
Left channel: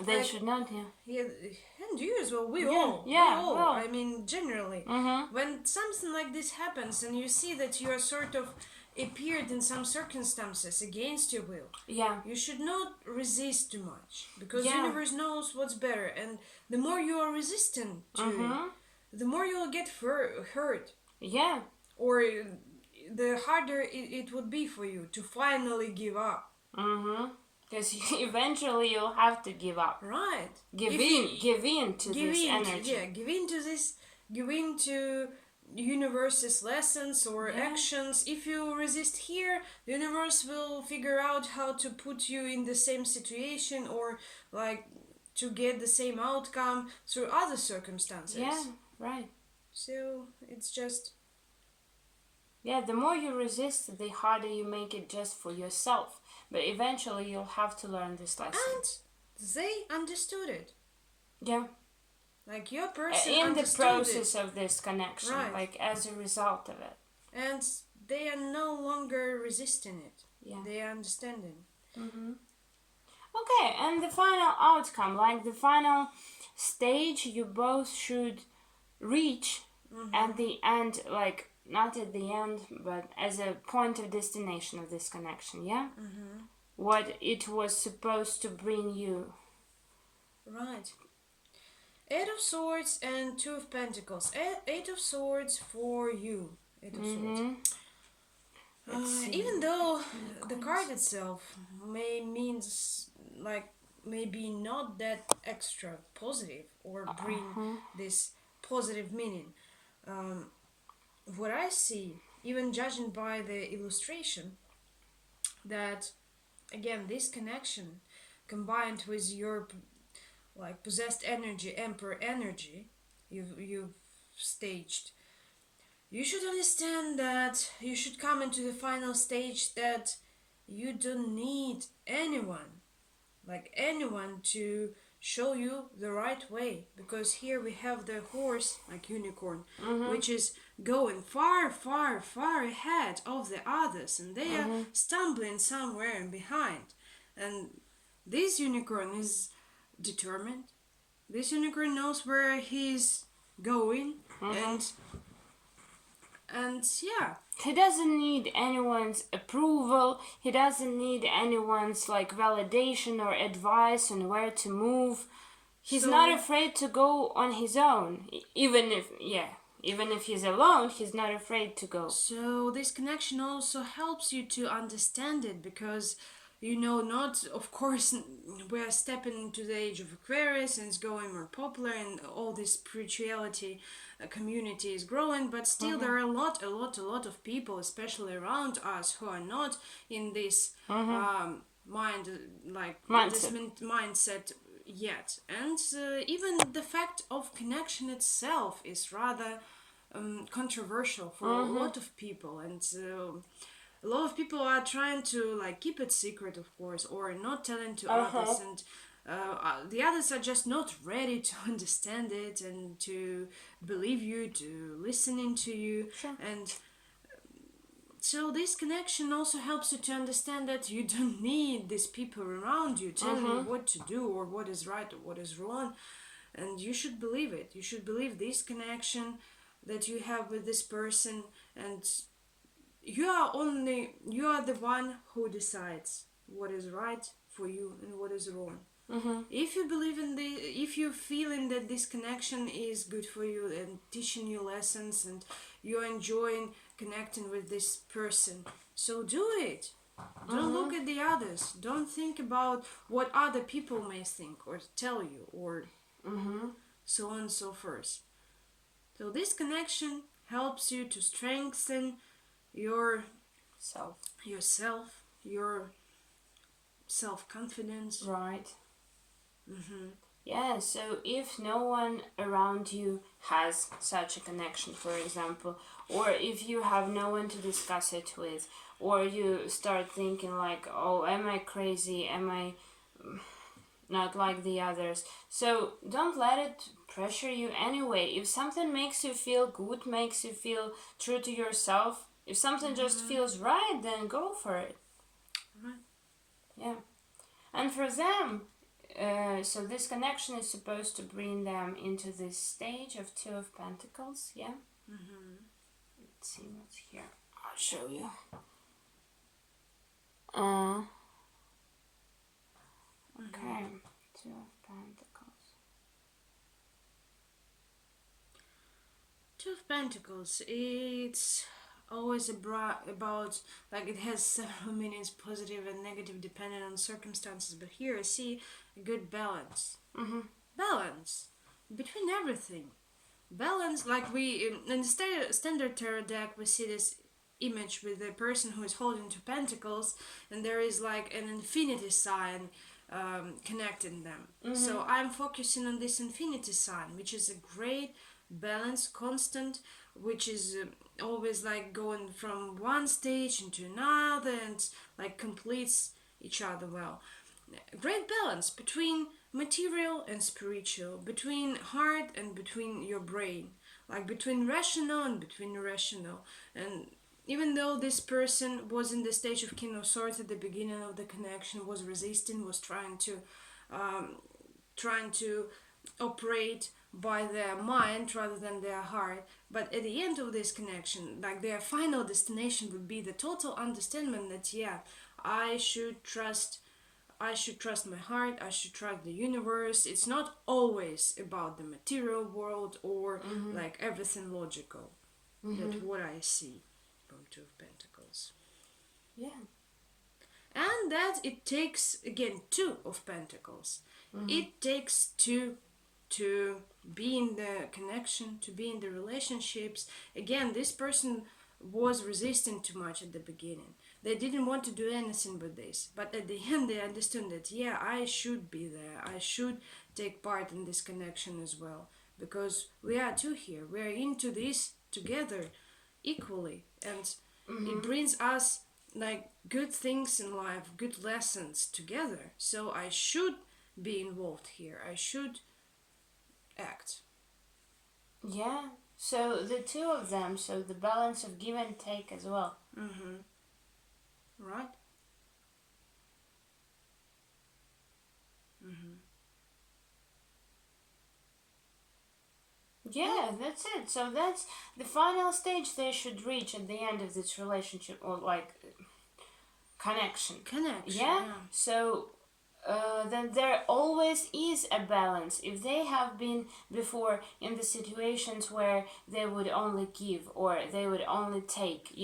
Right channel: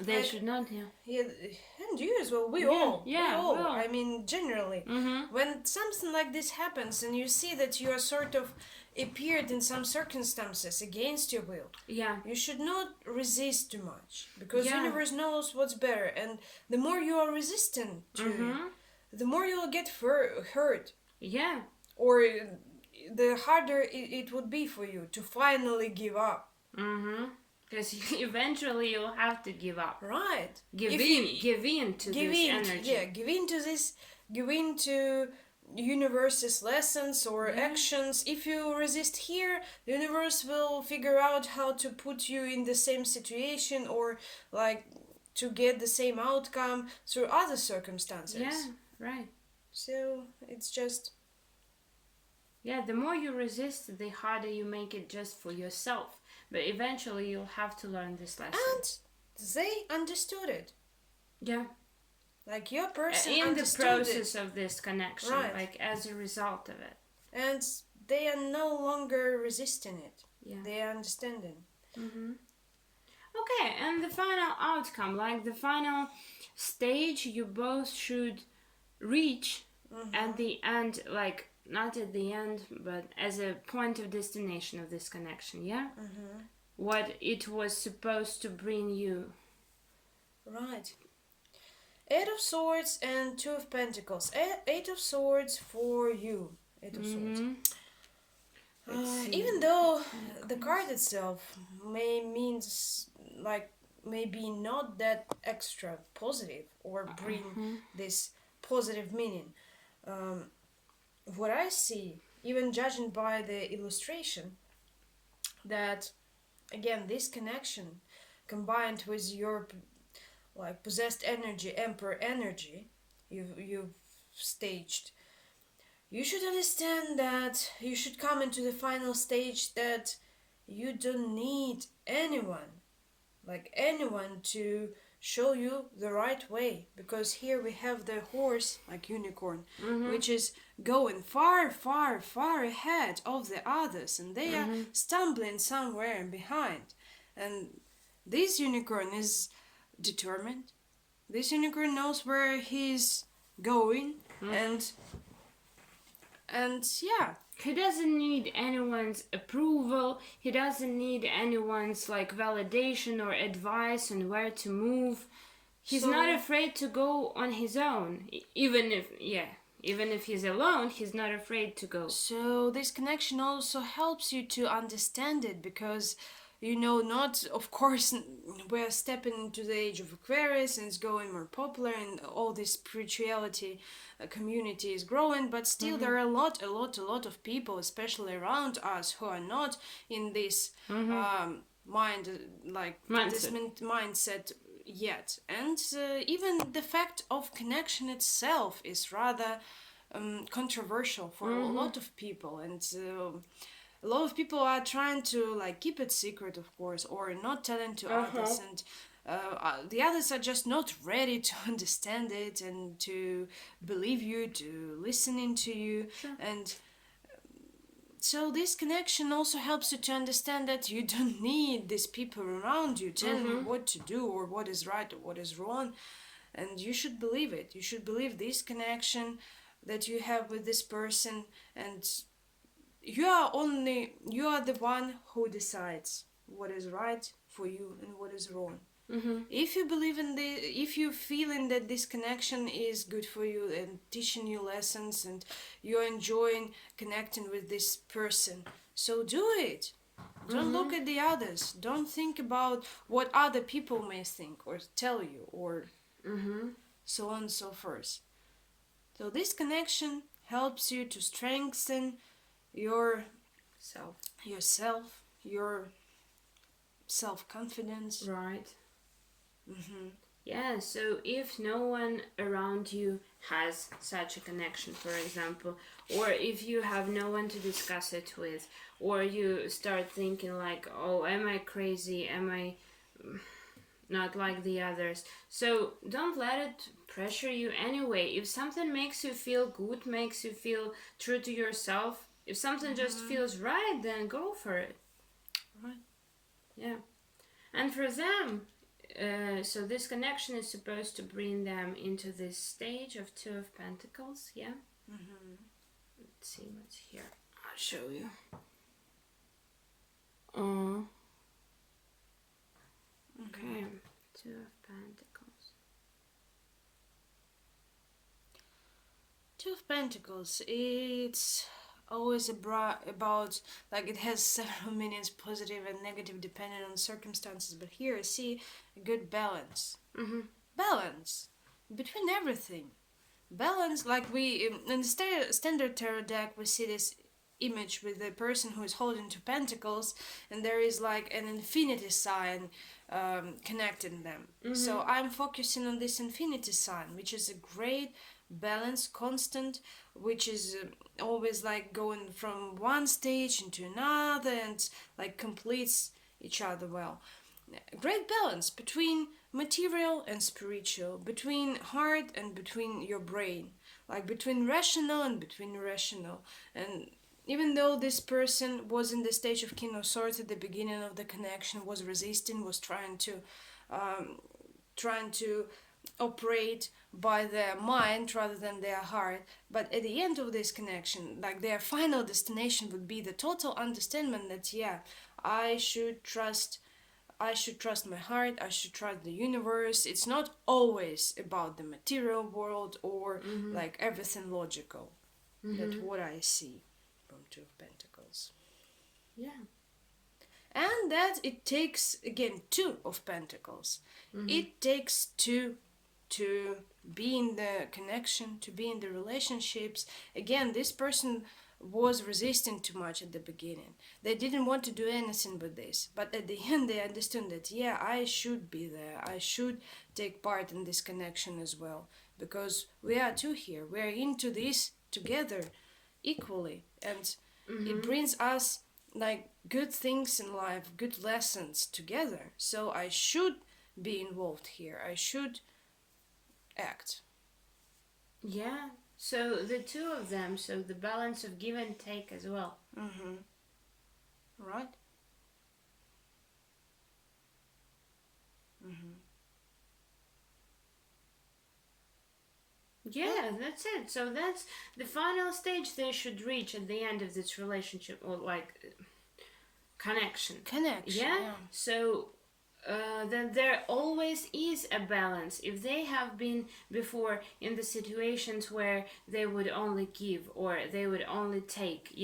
They should not, Yeah, and you as well. We Yeah, all. yeah, We all. well. I mean, generally, Mm-hmm. when something like this happens and you see that you are sort of appeared in some circumstances against your will, Yeah. you should not resist too much, because Yeah. universe knows what's better, and the more you are resistant to Mm-hmm. it, the more you'll get hurt, Yeah. or the harder it would be for you to finally give up. Mm-hmm. Because eventually you'll have to give up. Right. Give in to this energy. Yeah, give in to this, give in to universe's lessons or actions. If you resist here, the universe will figure out how to put you in the same situation, or like to get the same outcome through other circumstances. Yeah, right. So it's just... Yeah, the more you resist, the harder you make it just for yourself. But eventually you'll have to learn this lesson. And they understood it. Yeah. Like your person in the understood process it. of this connection, Right. like as a result of it. And they are no longer resisting it. Yeah. They are understanding. Mm-hmm. Okay, and the final outcome, like the final stage you both should reach at the end, like not at the end, but as a point of destination of this connection, yeah? Mm-hmm. What it was supposed to bring you. Right. Eight of Swords and Two of Pentacles. Eight of Swords for you. Eight of Swords. Even though the card itself may be not that extra positive or bring this positive meaning. What I see, even judging by the illustration, that again this connection combined with your like possessed energy, Emperor energy, you've staged. You should understand that you should come into the final stage that you don't need anyone to show you the right way, because here we have the horse, like unicorn, which is going far, far, far ahead of the others, and they are stumbling somewhere behind. And this unicorn is determined. This unicorn knows where he's going, and yeah, he doesn't need anyone's approval. He doesn't need anyone's like validation or advice on where to move. He's not afraid to go on his own. Even if he's alone, he's not afraid to go. So this connection also helps you to understand it, because not, of course, we're stepping into the age of Aquarius and it's going more popular, and all this spirituality community is growing, but still there are a lot of people, especially around us, who are not in this mindset yet. And even the fact of connection itself is rather controversial for a lot of people, and a lot of people are trying to like keep it secret, of course, or not telling to others, and the others are just not ready to understand it and to believe you, to listen into you. Sure. And so this connection also helps you to understand that you don't need these people around you telling you what to do or what is right or what is wrong, and you should believe it. You should believe this connection that you have with this person, and you are the one who decides what is right for you and what is wrong. If you believe if you feeling that this connection is good for you and teaching you lessons, and you're enjoying connecting with this person, so do it. Don't look at the others. Don't think about what other people may think or tell you, or so on and so forth. So this connection helps you to strengthen your self-confidence. Right. Yeah, so if no one around you has such a connection, for example, or if you have no one to discuss it with, or you start thinking like, oh, am I crazy? Am I not like the others? So don't let it pressure you anyway. If something makes you feel good, makes you feel true to yourself, If something just feels right, then go for it. Right. Yeah. And for them, so this connection is supposed to bring them into this stage of Two of Pentacles, yeah? Let's see what's here. I'll show you. Okay, Two of Pentacles. Two of Pentacles, it's always about, like, it has several meanings, positive and negative, depending on circumstances, but here I see a good balance. Balance between everything. Balance, like we, in the standard tarot deck, we see this image with the person who is holding two pentacles, and there is like an infinity sign connecting them. So I'm focusing on this infinity sign, which is a great balance, constant, which is always like going from one stage into another and like completes each other well. Great balance between material and spiritual, between heart and between your brain, like between rational and between irrational. And even though this person was in the stage of King of Swords at the beginning of the connection, was resisting, was trying to operate by their mind rather than their heart, but at the end of this connection, like their final destination would be the total understanding that I should trust my heart, I should trust the universe. It's not always about the material world or like everything logical. That's what I see from Two of Pentacles. Yeah. And that it takes, again, Two of Pentacles. It takes two to be in the connection, to be in the relationships. Again, this person was resisting too much at the beginning. They didn't want to do anything with this, but at the end they understood that I should be there, I should take part in this connection as well, because we are two here, we are into this together equally, and it brings us like good things in life, good lessons together. So I should be involved here, I should act. Yeah. So the two of them, so the balance of give and take as well. Right? Yeah, that's it. So that's the final stage they should reach at the end of this relationship, or like connection. Yeah? So then there always is a balance. If they have been before in the situations where they would only give or they would only take,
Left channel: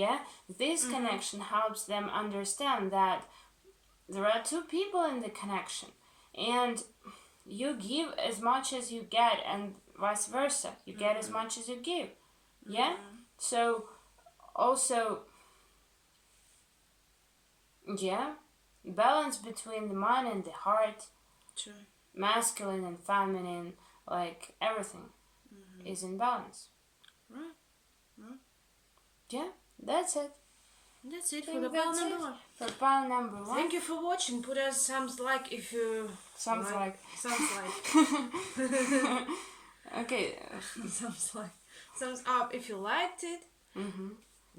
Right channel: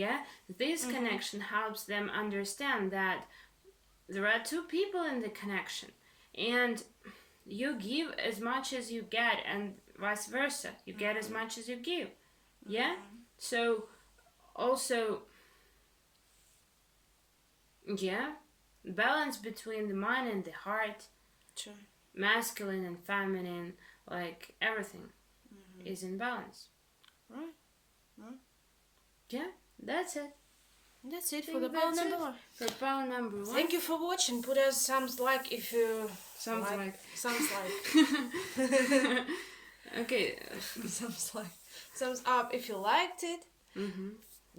this connection helps them understand that there are two people in the connection, and you give as much as you get, and vice versa. You get as much as you give. Yeah? So also, balance between the mind and the heart, masculine and feminine, like everything is in balance. Yeah, that's it. That's it for the pile number one. For pile number one. Thank you for watching. Put us some like if you Sounds like. Okay. Thumbs up if you liked it.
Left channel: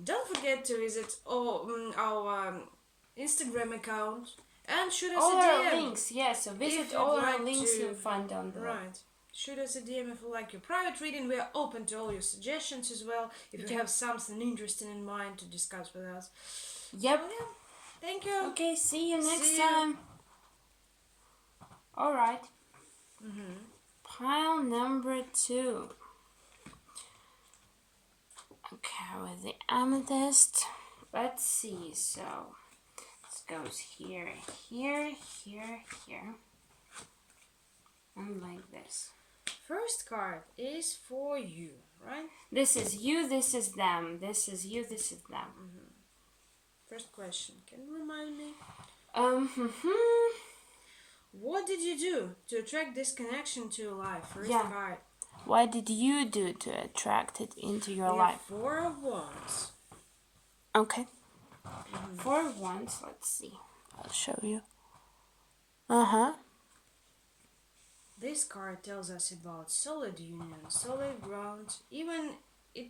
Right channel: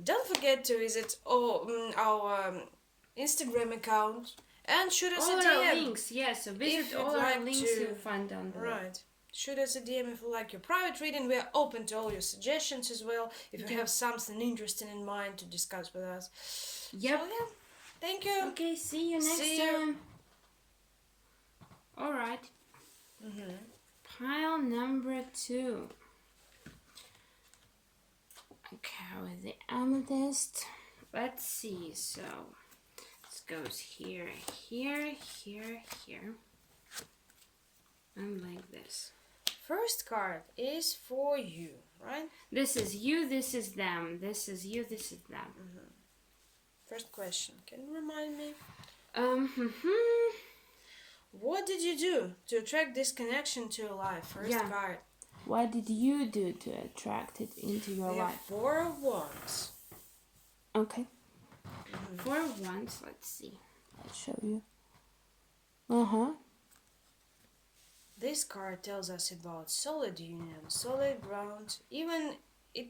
Don't forget to visit our Instagram account and shoot us all a DM. Our links, so visit all our links you'll find down below. Right. Shoot us a DM if you like your private reading. We are open to all your suggestions as well. If you have something interesting in mind to discuss with us. Yep. So, thank you. Okay, see you next time. Alright. Pile number 2. Okay, with the amethyst. Let's see. So this goes here, here, here, here. And like this. First card is for you, right? This is you, this is them. This is you, this is them. First question. Can you remind me? What did you do to attract this connection to your life? First card. What did you do to attract it into your life? 4 of Wands. Okay. 4 of Wands. Let's see. I'll show you. This card tells us about solid union, solid ground, even it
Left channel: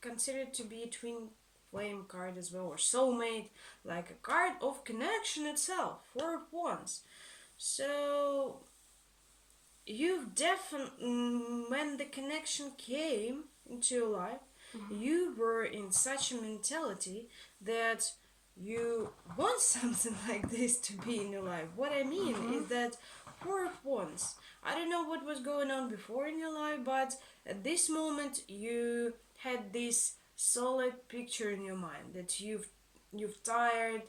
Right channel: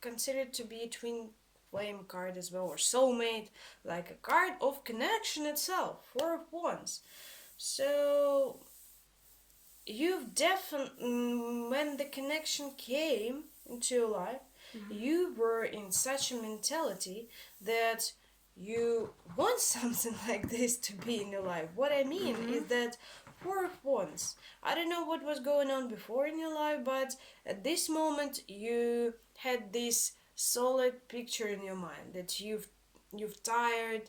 considered to be twin flame card as well, or soulmate, like a card of connection itself, Four of Wands. So you've definitely, when the connection came into your life, you were in such a mentality that you want something like this to be in your life. What I mean is that Four of Wands, I don't know what was going on before in your life, but at this moment you had this solid picture in your mind that you've tired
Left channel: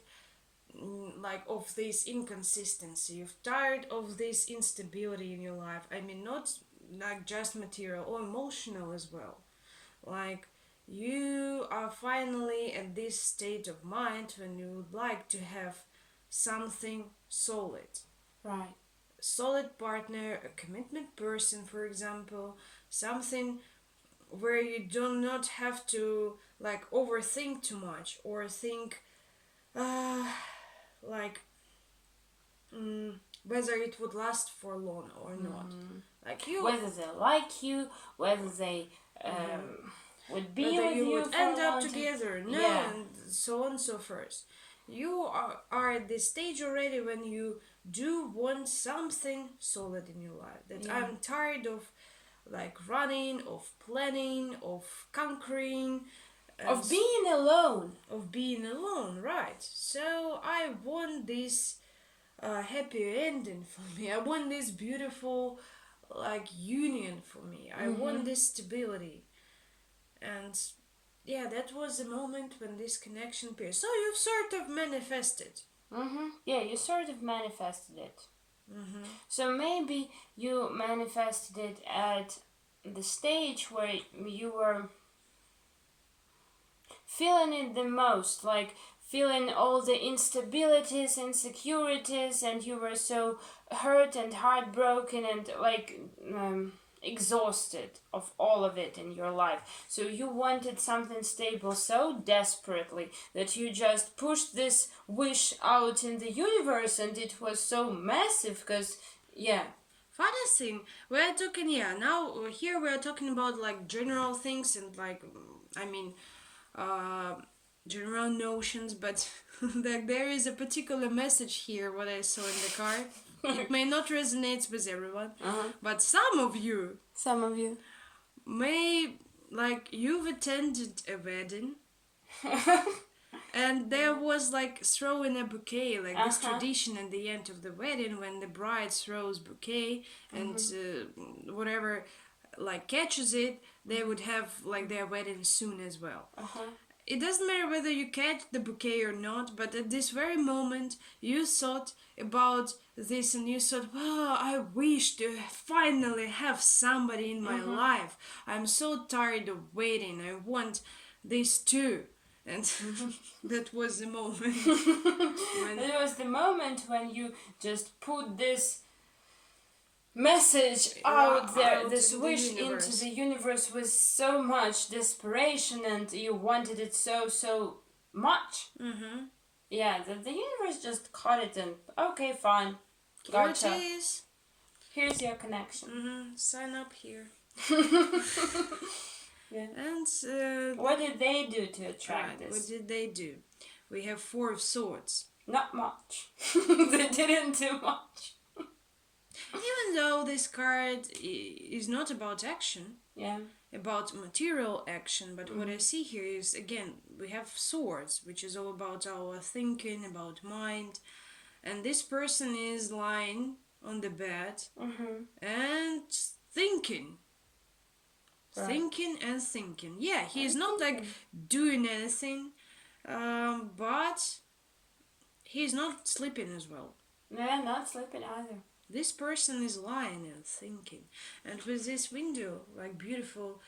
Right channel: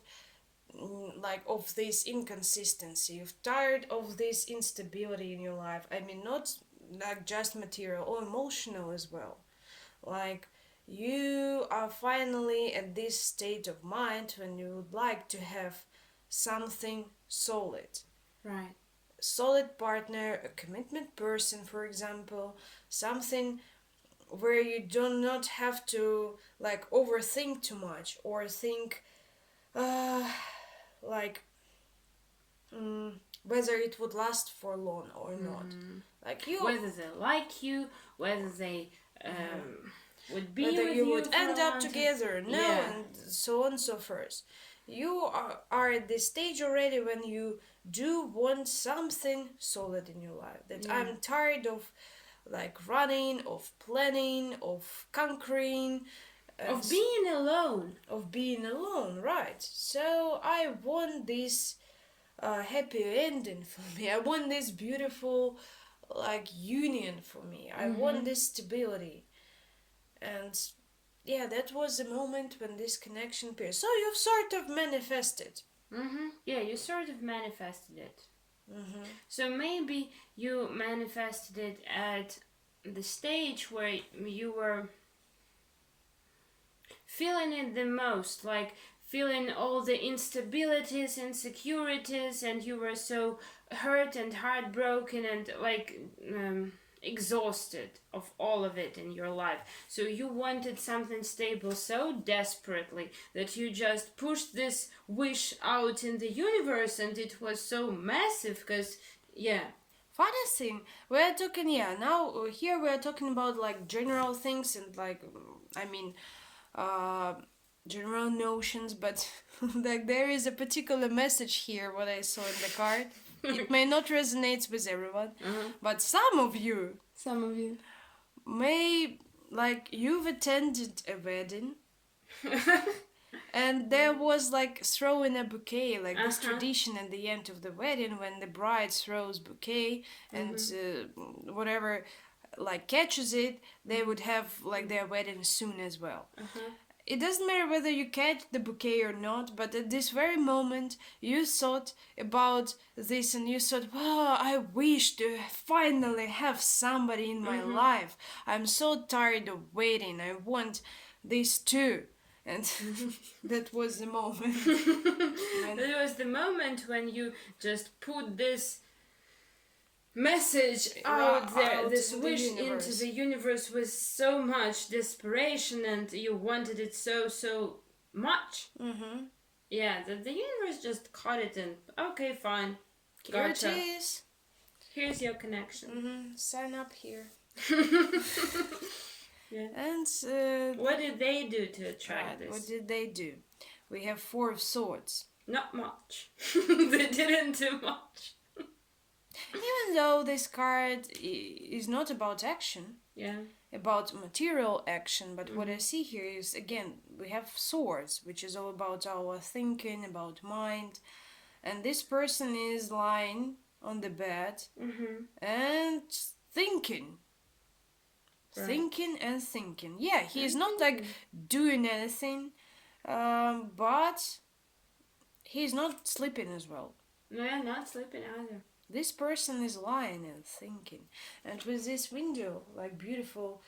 like of this inconsistency, you've tired of this instability in your life. I mean, not like just material or emotional as well. Like, you are finally at this state of mind when you would like to have something solid. Right. Solid partner, a commitment person, for example, something where you do not have to like overthink too much or think like whether it would last for long or not. Like you, whether they like you, whether they would be whether with you you would for end a up long together, no, Yeah. and so on and so forth. You are at this stage already when you do want something solid in your life. That Yeah. I'm tired of like running, of planning, of conquering, of being alone. of being alone, right? So I want this happy ending for me. I want this beautiful like union for me. I want this stability. And yeah, that was the moment when this connection appeared. So you've sort of manifested. Yeah, you sort of manifested it. So maybe you manifested it at the stage where you were feeling it the most, like feeling all the instabilities, insecurities, and you were so hurt and heartbroken and like exhausted of all of it in your life. So you wanted something stable so desperately that you just pushed this wish out in the universe, and it was so massive because, yeah. Funny thing, we're talking, yeah, now here we're talking about like general things and like, I mean, general notions, but like there is a particular message here, what I saw in the card. It may not resonate with everyone, but some of you may, like, you've attended a wedding and there was like throwing a bouquet, like this tradition at the end of the wedding when the bride throws bouquet and whatever like catches it, they would have like their wedding soon as well. It doesn't matter whether you catch the bouquet or not, but at this very moment you thought about this and you thought, oh, I wish to finally have somebody in my life. I'm so tired of waiting. I want this too. And that was the moment. That was the moment when you just put this message out there, this wish into the universe with so much desperation, and you wanted it so much. Yeah, the universe just caught it and, okay, fine, gotcha. Here it is. Here's your connection. Sign up here. Yeah. And what did they do to attract this? What did they do? We have Four of Swords. Not much. They didn't do much. Even though this card is not about action, about material action, but what I see here is, again, we have swords, which is all about our thinking, about mind, and this person is lying on the bed and thinking. Right. Thinking and thinking. Yeah, he is not like doing anything, but he's not sleeping as well. Yeah, not sleeping either. This person is lying and thinking. And with this window, like beautiful...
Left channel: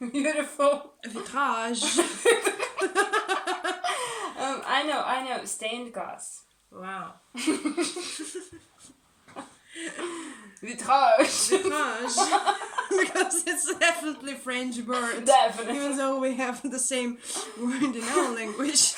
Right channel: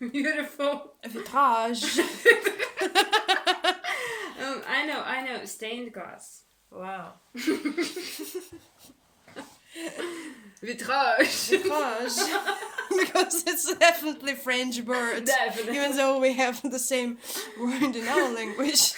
beautiful vitrage. I know. Stained glass. Wow. Vitrage. Because it's definitely French word. Definitely. Even though we have the same word in our language.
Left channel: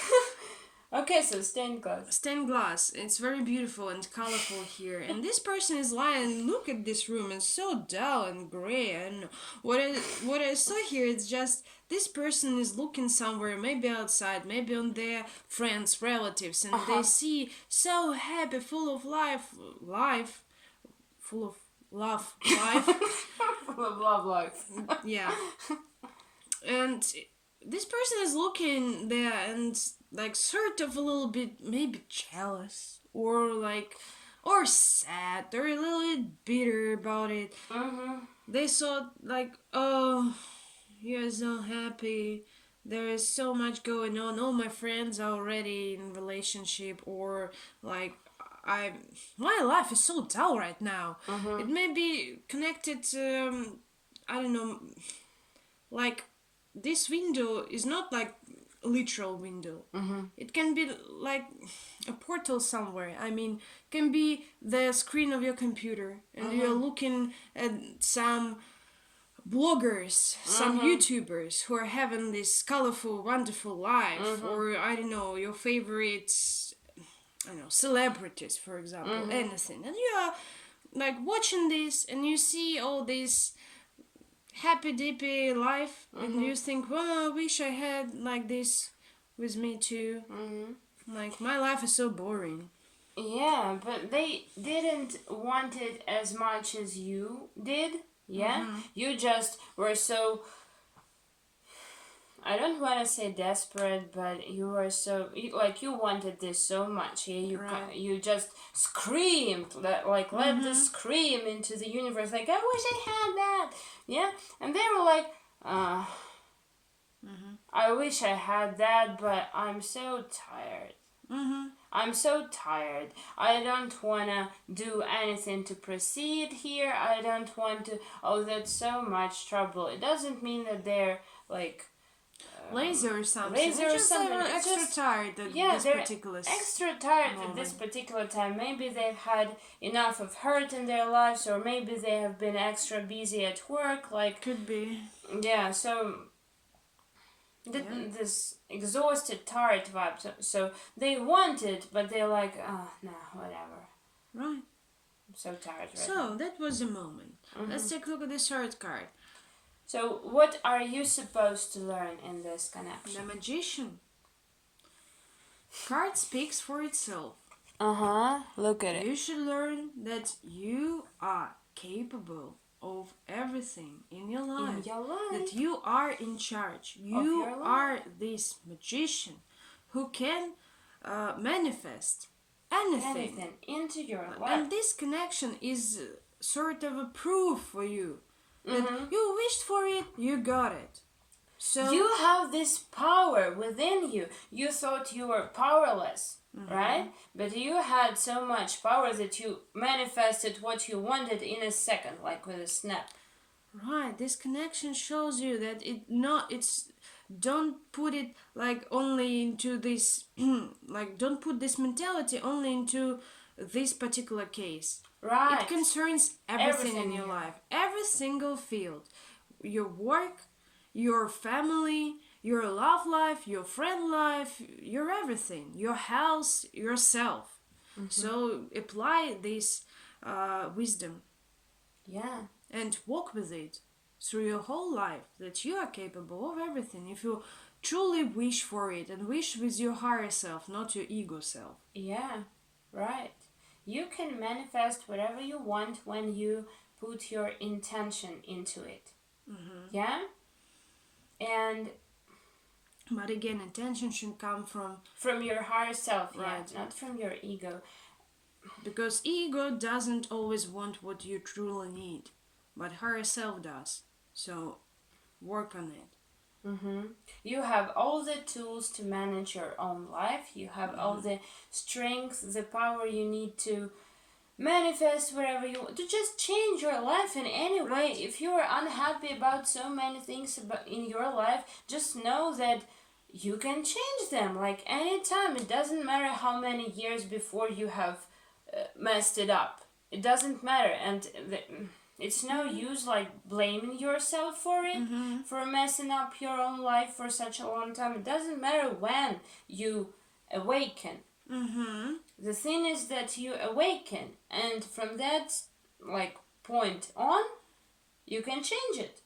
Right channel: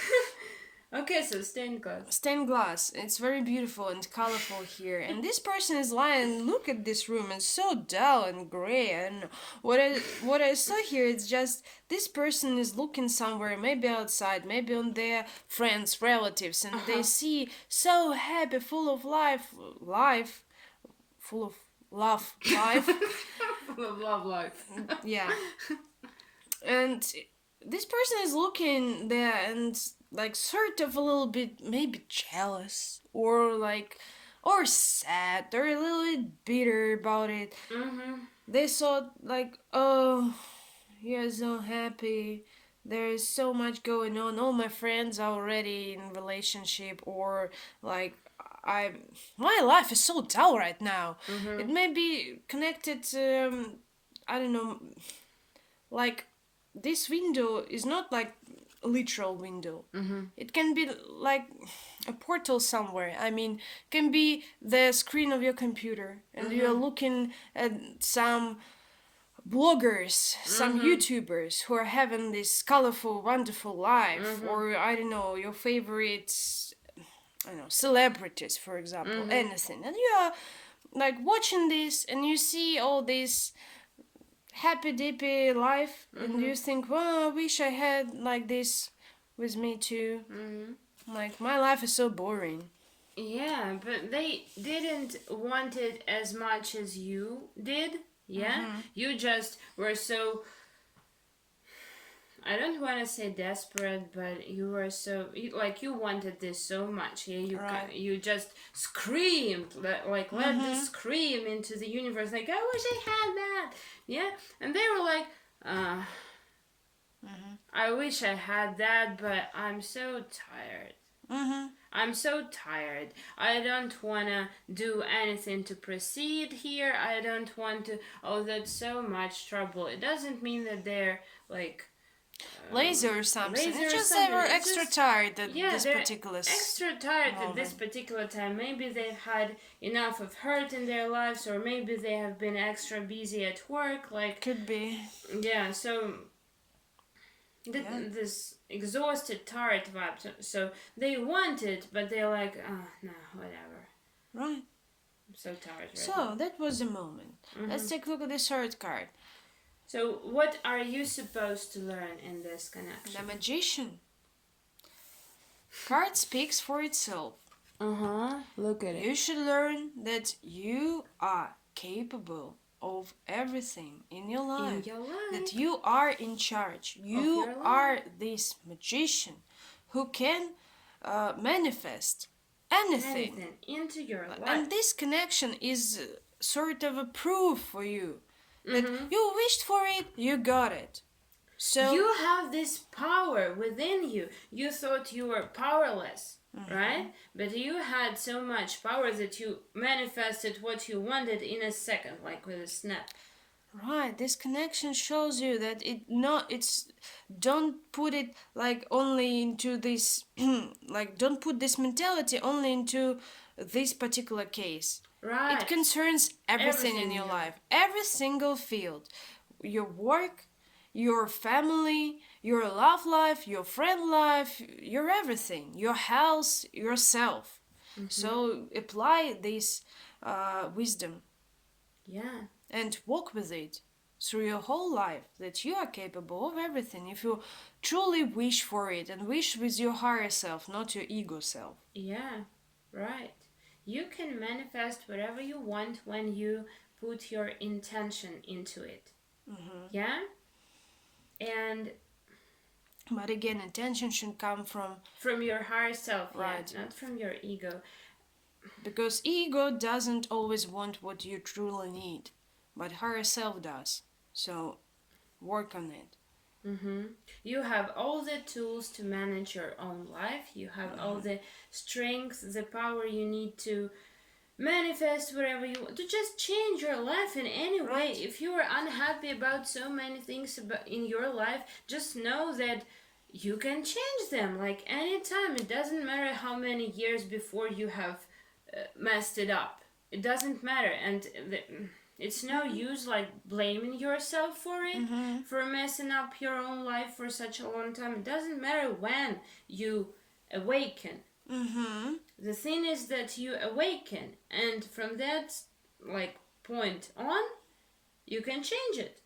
Okay, so stained glass. Stained glass. It's very beautiful and colorful here. And this person is lying. Look at this room. It's so dull and gray. And what I saw here is just this person is looking somewhere, maybe outside, maybe on their friends, relatives, and they see so happy, full of life, full of love, life. Full of love life. Yeah. And this person is looking there and like sort of a little bit maybe jealous or sad or a little bit bitter about it. They thought like, oh, you're so happy, there is so much going on, all my friends are already in relationship, or like my life is so dull right now. It may be connected to I don't know, like this window is not like literal window. It can be like a portal somewhere. I mean, can be the screen of your computer and you're looking at some bloggers, some YouTubers who are having this colorful, wonderful life, or I don't know, your favorite, I don't know, celebrities, for example, anything, and you are like watching this and you see all this happy dippy life, and you think, well, I wish I had like this with me too. Like my life is so boring. Yeah, but they didn't want it as much as you did. Yeah, you just were so, I don't want to say desperate, but you were so, you wanted this so much. Yeah, you just screamed, let the scream into the universe, like, I wish I had that. Yeah, and they were like, I wish I had that, but I'm so tired. I'm so tired. I don't want to do anything to proceed here. I don't want to. Oh, that's so much trouble. It doesn't mean that they're like lazy or something. It's just they were extra tired at this particular extra tired at this particular time. Maybe they've had enough of hurt in their lives, or maybe they have been extra busy at work. Like, could be. Yeah. So this exhausted, tired vibe. So they want it, but they're like, oh, no, whatever. Right. I'm so tired right now. So that was the moment. Let's take a look at the third card. So what are you supposed to learn in this connection? The Magician. Card speaks for itself. Look at it. You should learn that you are capable of everything in your life. That you are in charge. You are this magician who can manifest anything into your life. And this connection is sort of a proof for you that you wished for it, you got it. So you have this power within you. You thought you were powerless, right? But you had so much power that you manifested what you wanted in a second, like with a snap. Right. This connection shows you that don't put it like only into this like don't put this mentality only into this particular case. Right. It concerns everything in your life, every single field, your work, your family, your love life, your friend life, your everything, your house, yourself. So apply this wisdom. Yeah. And walk with it through your whole life, that you are capable of everything if you truly wish for it and wish with your higher self, not your ego self. Yeah, right. You can manifest whatever you want when you put your intention into it. Yeah? And but again, intention should come from your higher self, right? Not from your ego. Because ego doesn't always want what you truly need, but higher self does. So work on it. You have all the tools to manage your own life. You have all the strength, the power you need to manifest whatever you want, to just change your life in any way. If you are unhappy about so many things in your life, just know that you can change them like anytime. It doesn't matter how many years before you have messed it up. It doesn't matter. And it's no use like blaming yourself for it, for messing up your own life for such a long time. It doesn't matter when you awaken. Mm-hmm. The thing is that you awaken, and from that point on, you can change it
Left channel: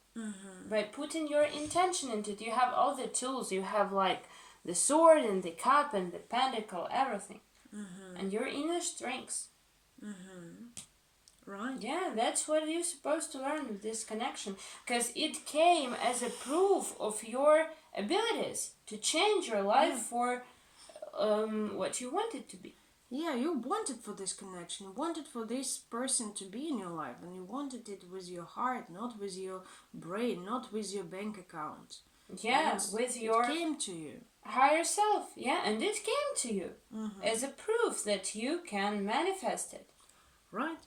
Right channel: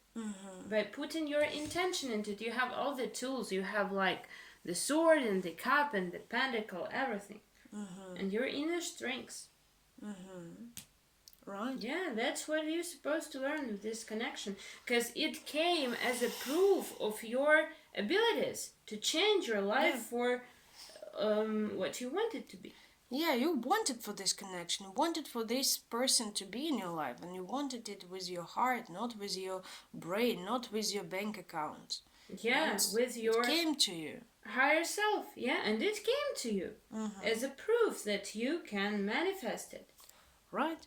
by putting your intention into it. You have all the tools. You have the sword and the cup and the pentacle, everything, and your inner strengths. Right. Yeah, that's what you're supposed to learn with this connection, because it came as a proof of your abilities to change your life for what you want it to be. Yeah, you wanted for this connection. You wanted for this person to be in your life, and you wanted it with your heart, not with your brain, not with your bank account. Yeah, with your... It came to you. Higher self, yeah, and it came to you as a proof that you can manifest it. Right.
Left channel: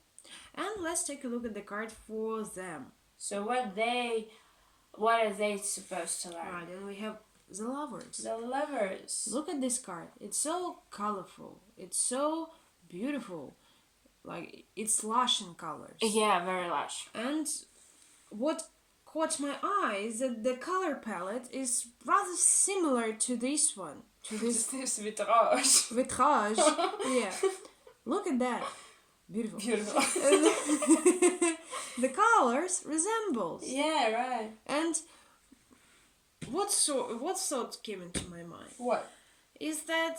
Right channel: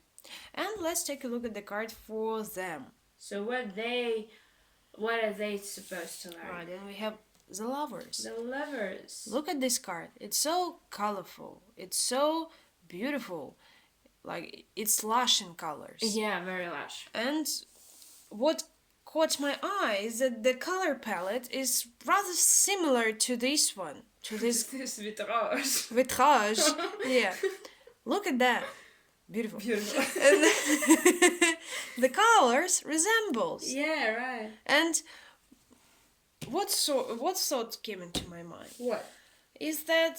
And let's take a look at the card for them. So what are they supposed to learn? Right, and we have the Lovers. The Lovers. Look at this card. It's so colorful. It's so beautiful. It's lush in colors. Yeah, very lush. And what caught my eye is that the color palette is rather similar to this one. To this vitrage. Vitrage. Yeah. Look at that. Beautiful. Beautiful. And the colors resembles. Yeah, right. And what thought came into my mind? What? Is that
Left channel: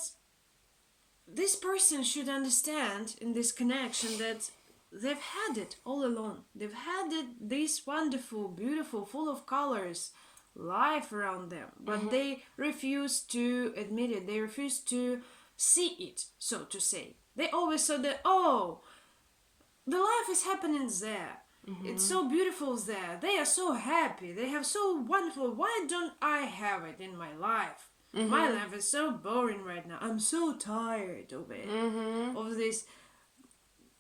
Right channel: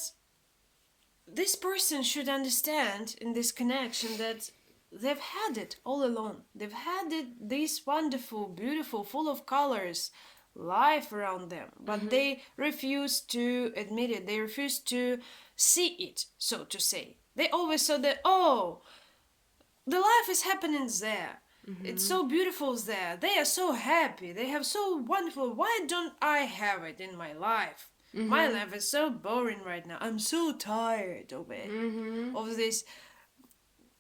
this person should understand in this connection that they've had it all along. They've had this wonderful, beautiful, full of colors life around them. But they refuse to admit it. They refuse to see it, so to say. They always saw that, the life is happening there. It's so beautiful there. They are so happy. They have so wonderful. Why don't I have it in my life? My life is so boring right now. I'm so tired of it. Of this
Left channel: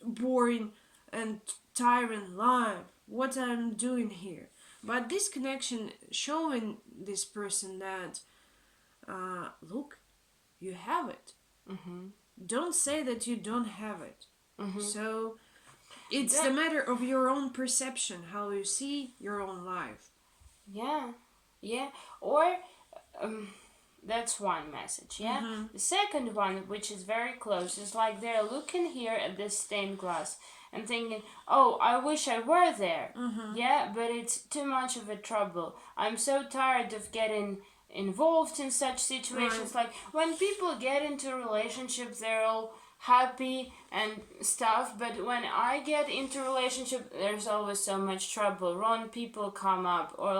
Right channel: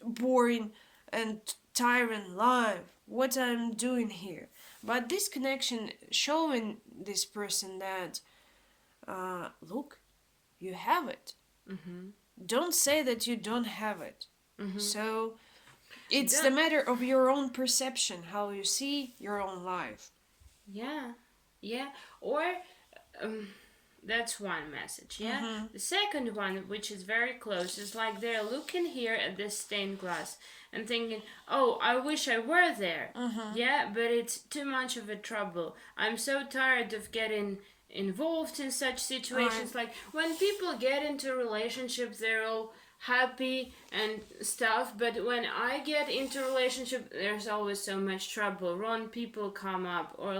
boring and tiring life. What I'm doing here. But this connection showing this person that, look, you have it. Don't say that you don't have it. So it's the matter of your own perception, how you see your own life. Yeah. Or that's one message, yeah? The second one, which is very close, is they're looking here at this stained glass and thinking, I wish I were there. Yeah, but it's too much of a trouble. I'm so tired of getting involved in such situations. Like when people get into a relationship, they're all happy and stuff, but when I get into a relationship, there's always so much trouble. Wrong people come up, or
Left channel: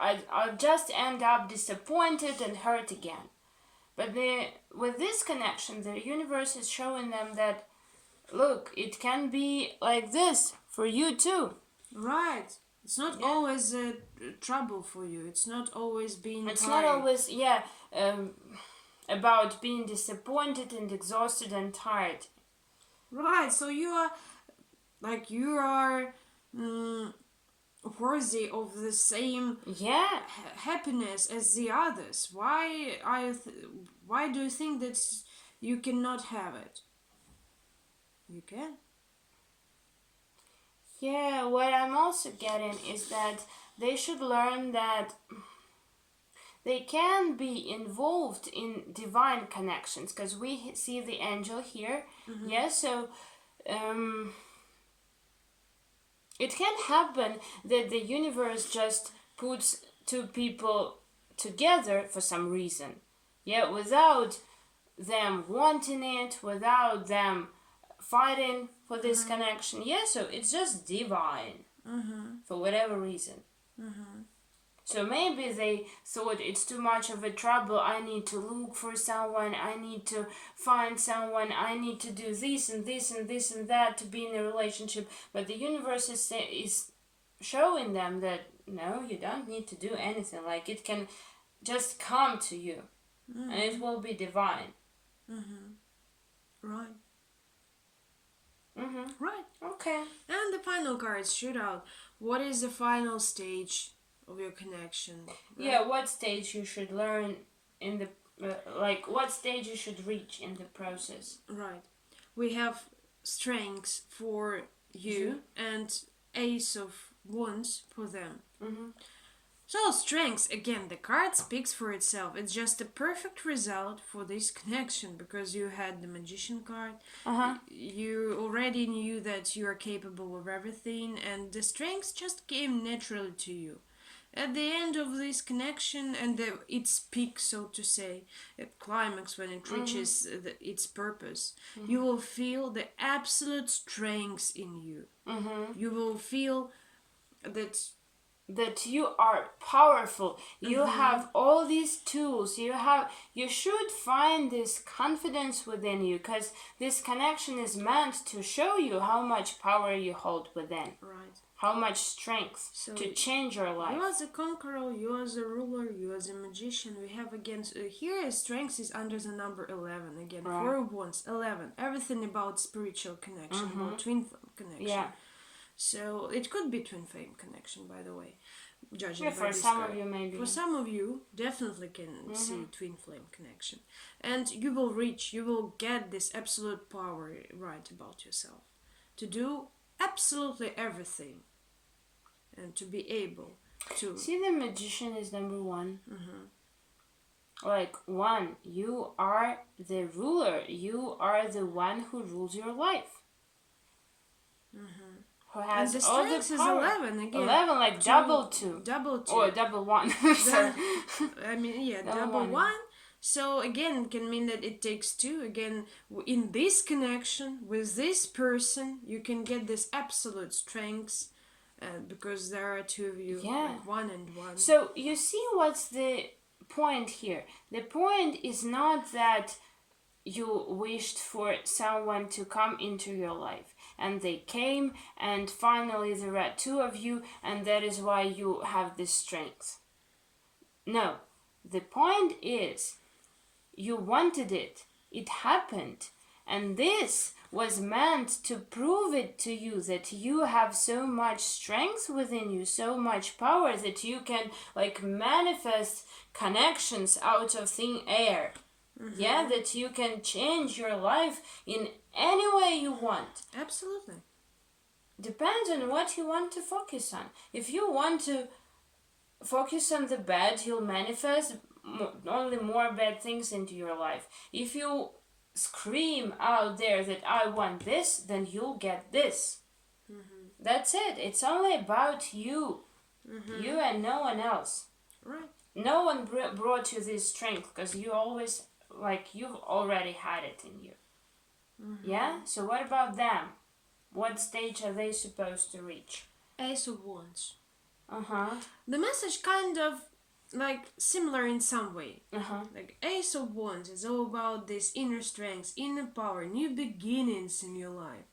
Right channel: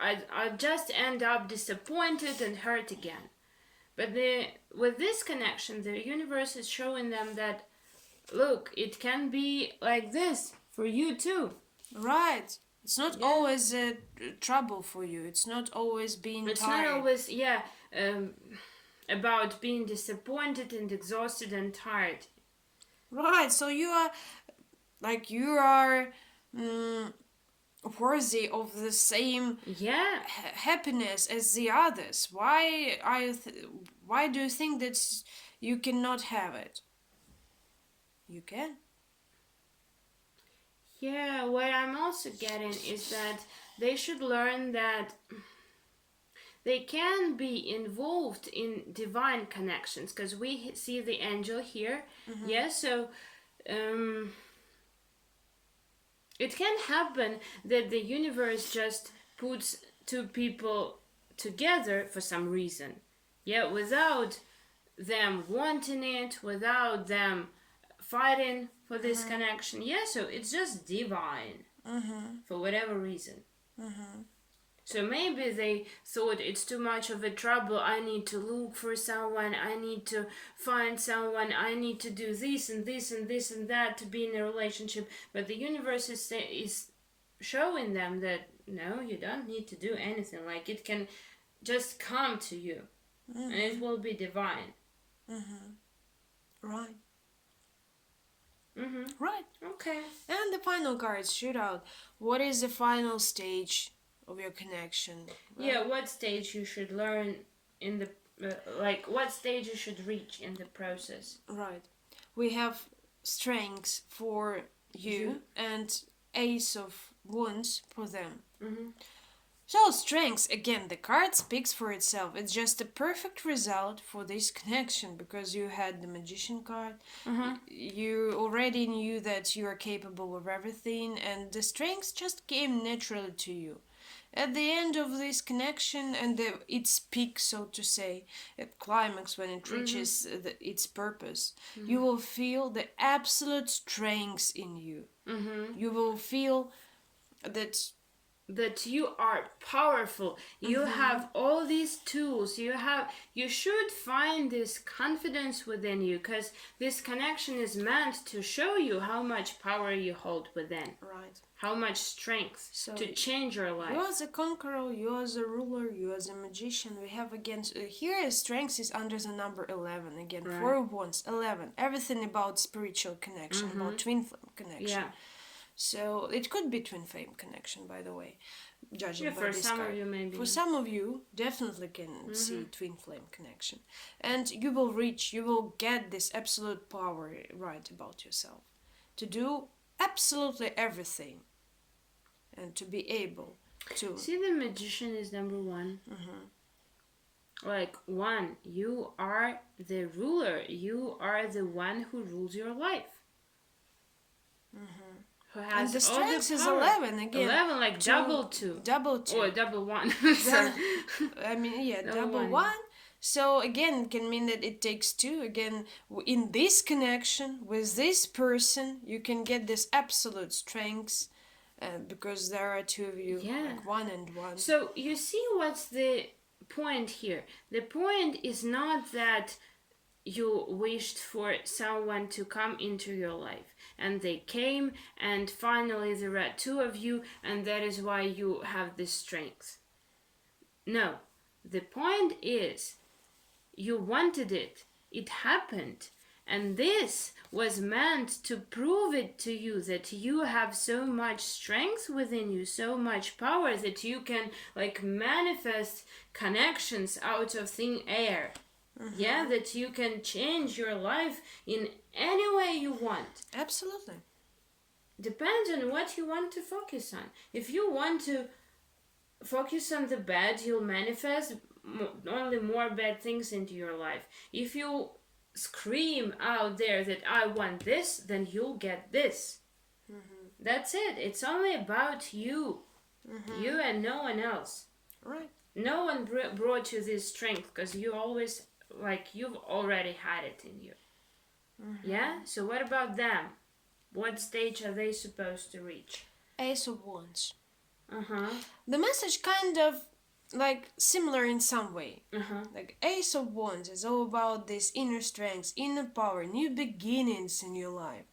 I just end up disappointed and hurt again. But with this connection, the universe is showing them that, look, it can be like this for you too. Right. It's not always trouble for you. It's not always being It's tired. not always, about being disappointed and exhausted and tired. Right. So you are worthy of the same happiness as the others. Why do you think that you cannot have it? You can. Yeah, what I'm also getting is that they should learn that they can be involved in divine connections, because we see the angel here. Yeah, so it can happen that the universe just puts two people together for some reason. Yeah, without them wanting it, without them fighting for this connection. Yeah, so it's just divine for whatever reason. So maybe they thought it's too much of a trouble. I need to look for someone. I need to find someone. I need to do this and this and this and that to be in a relationship. But the universe is showing them that no, you don't need to do anything. Like it can just come to you, and it will be divine. Right. Right. Okay. And the final cards shoot out. What is the final stage of your connection? Yeah, what stage you should learn in the what stage you should reach in the process. Right. We have strengths for you and Ace of Wands for them. So strengths, again, the card speaks for itself. It's just a perfect result for this connection because you had the magician card. You already knew that you are capable of everything, and the strengths just came naturally to you. At the end of this connection and its peak, so to say, at climax when it reaches its purpose, you will feel the absolute strength in you. You will feel that you are powerful. You have all these tools. You should find this confidence within you, because this connection is meant to show you how much power you hold within. Right. How much strength to change your life. You as a conqueror, you as a ruler, you as a magician. We have again here strength is under the number 11 again. Right. 4 wands, 11. Everything about spiritual connection, about twin flame connection. Yeah. So it could be twin flame connection, by the way. Judging by for this some card. of you, maybe. For some of you, definitely can see twin flame connection, and you will get this absolute power right about yourself to do absolutely everything, and to be able to see. The magician is number 1. Like 1, you are the ruler. You are the one who rules your life. Who has and the all the strength is power. 11 again. 11, like double 2. Double 2. Or double 1. Sorry. I mean, double 1. So again, it can mean that it takes 2. Again, in this connection with this person, you can get this absolute strength, because there are 2 of you, like 1 and 1. So you see what's the point here? The point is not that you wished for someone to come into your life, and they came, and finally there are 2 of you, and that is why you have this strength. No, the point is you wanted it, it happened, and this was meant to prove it to you that you have so much strength within you, so much power, that you can like manifest connections out of thin air. Yeah, that you can change your life in any way you want. Absolutely. Depends on what you want to focus on. If you want to focus on the bad, you'll manifest only more bad things into your life. If you scream out there that I want this, then you'll get this. That's it. It's only about you. You and no one else. Right. No one brought you this strength, because you always, like, you've already had it in you. Yeah? So what about them? What stage are they supposed to reach? Ace of Wands. The message kind of like similar in some way. Like Ace of Wands is all about this inner strength, inner power, new beginnings in your life.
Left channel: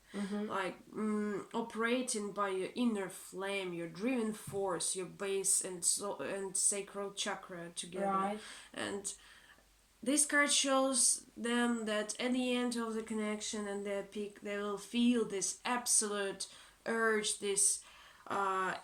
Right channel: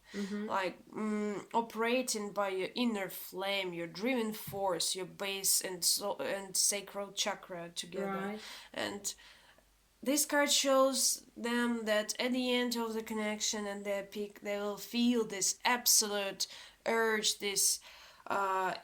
Like operating by your inner flame, your driven force, your base and sacral chakra together. Right. And this card shows them that at the end of the connection and their peak, they will feel this absolute urge, this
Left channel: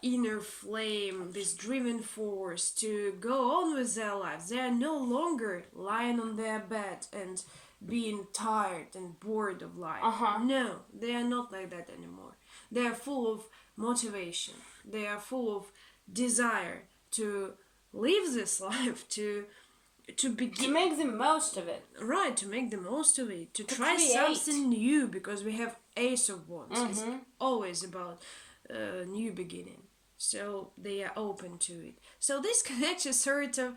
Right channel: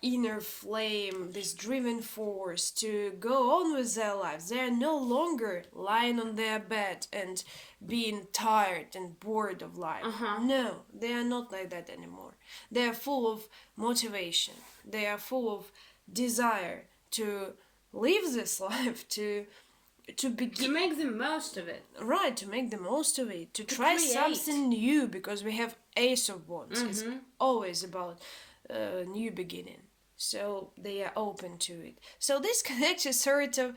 inner flame, this driven force to go on with their lives. They are no longer lying on their bed and being tired and bored of life. No, they are not like that anymore. They are full of motivation. They are full of desire to live this life, to make the most of it. Right, to make the most of it, to try something new, because we have Ace of Wands. It's always about new beginning. So they are open to it. So this connection sort of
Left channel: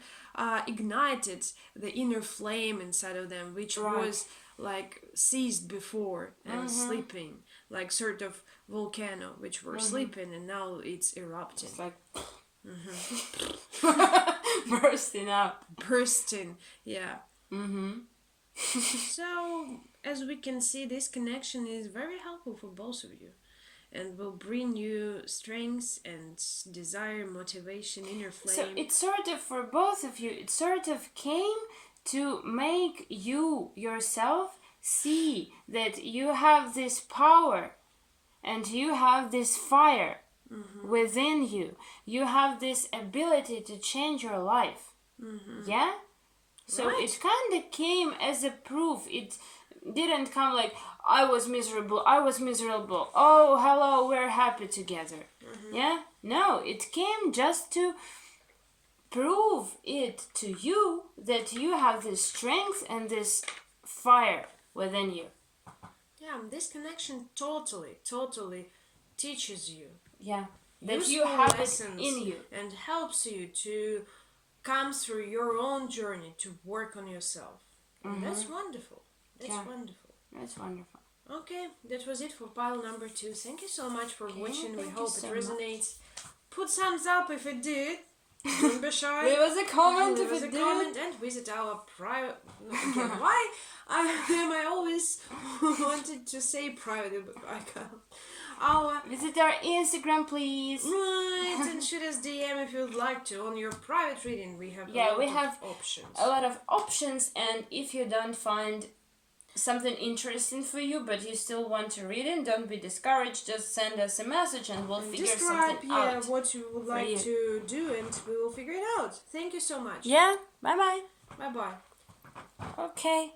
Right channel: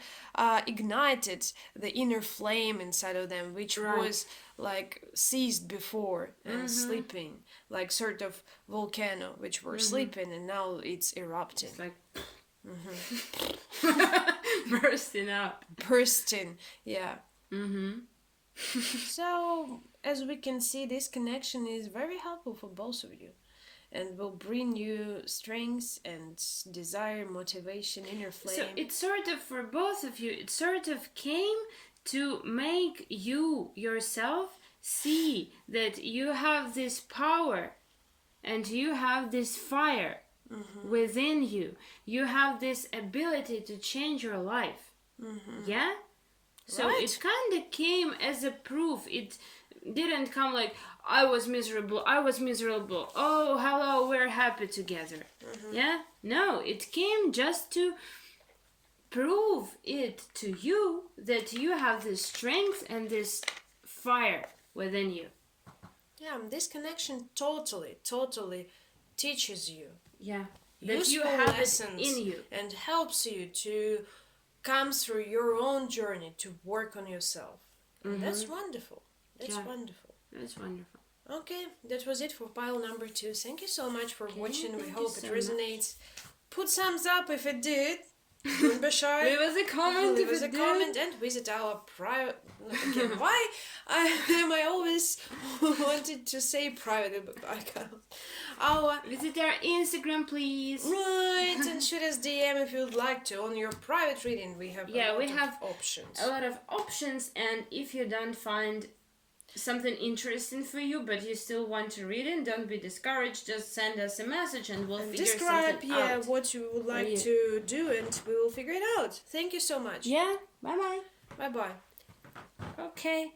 ignited the inner flame inside of them, which was like seized before and sleeping, like sort of volcano, which were sleeping, and now it's erupting. It's like bursting, yeah. So as we can see, this connection is very helpful for both of you, and will bring you strength and desire, motivation in your flame. So it's sort of for both of you, it sort of came to make you yourself see that you have this power and you have this fire within you. You have this ability to change your life. Yeah? So it kind of came as a proof. It didn't come like, I was miserable. Oh, hello, we're happy together. Yeah? No, it came just to prove it to you that you have this strength and this fire within you. Yeah, this connection totally teaches you. Yeah, that you have lessons it in you and helps you to come through your own journey to work on yourself. That's wonderful. That's wonderful. That's wonderful. Okay, that was it for pile number 2. Thank you so much for watching. We hope it resonates. Put thumbs up if it did. Don't be shy. Leave us a comment if it did. Comment and visit our private. Again, why I always wanted to say private, but I can't. Visit our Instagram, please. Right, and shoot us DM if you'd like to. On your private reading, we have options. A lot of options, and if you don't find something interesting for you, but you still want to read it, don't be discouraged. Just send us a message, and we'll figure something out. What you would like to do, and we will figure it out. Thank you so much. Yeah. Bye bye. Bye bye. Okay.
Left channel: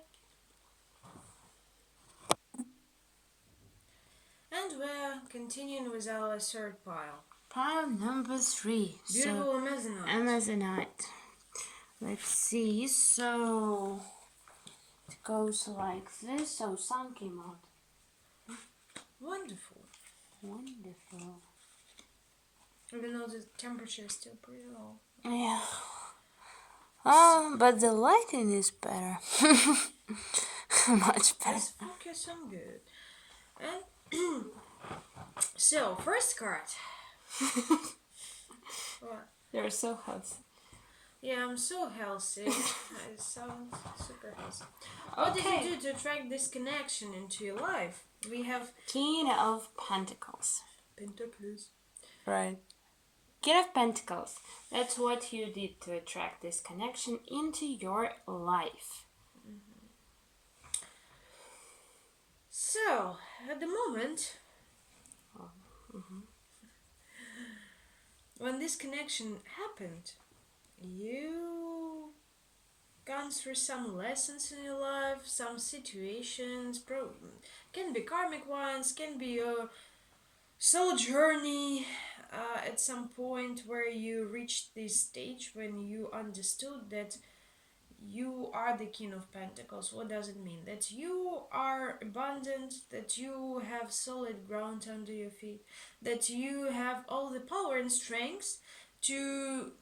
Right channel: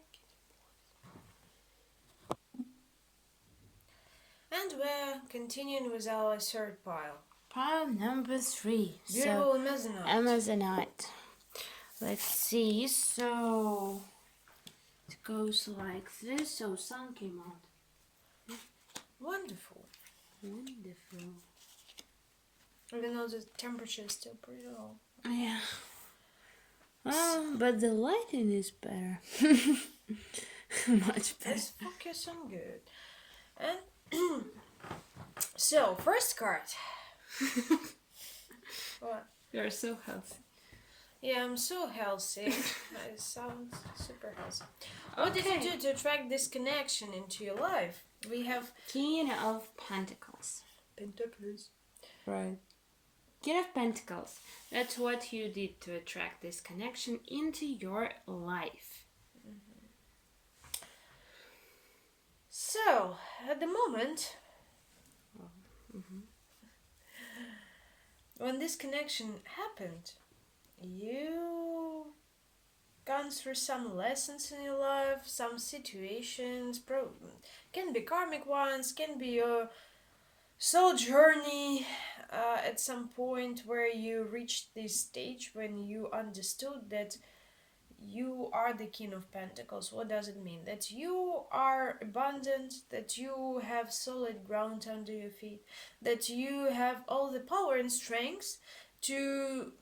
And we're continuing with our third pile. Pile number 3. Beautiful Amazonite. Amazonite. Let's see. So it goes like this. So sun came out. Wonderful. Wonderful. Even though the temperature is still pretty low. Yeah. But the lighting is better. Much better. Let's focus on good. And so, first card. What? You're so healthy. Yeah, I'm so healthy. It sounds super healthy. What did you do to attract this connection into your life? We have King of Pentacles. Pentacles. Right. King of Pentacles. That's what you did to attract this connection into your life. So, at the moment, when this connection happened, you gone through some lessons in your life, some situations, can be karmic ones, can be a soul journey at some point where you reached this stage when you understood that you are the King of Pentacles. What does it mean? That you are abundant, that you have solid ground under your feet, that you have all the power and strength to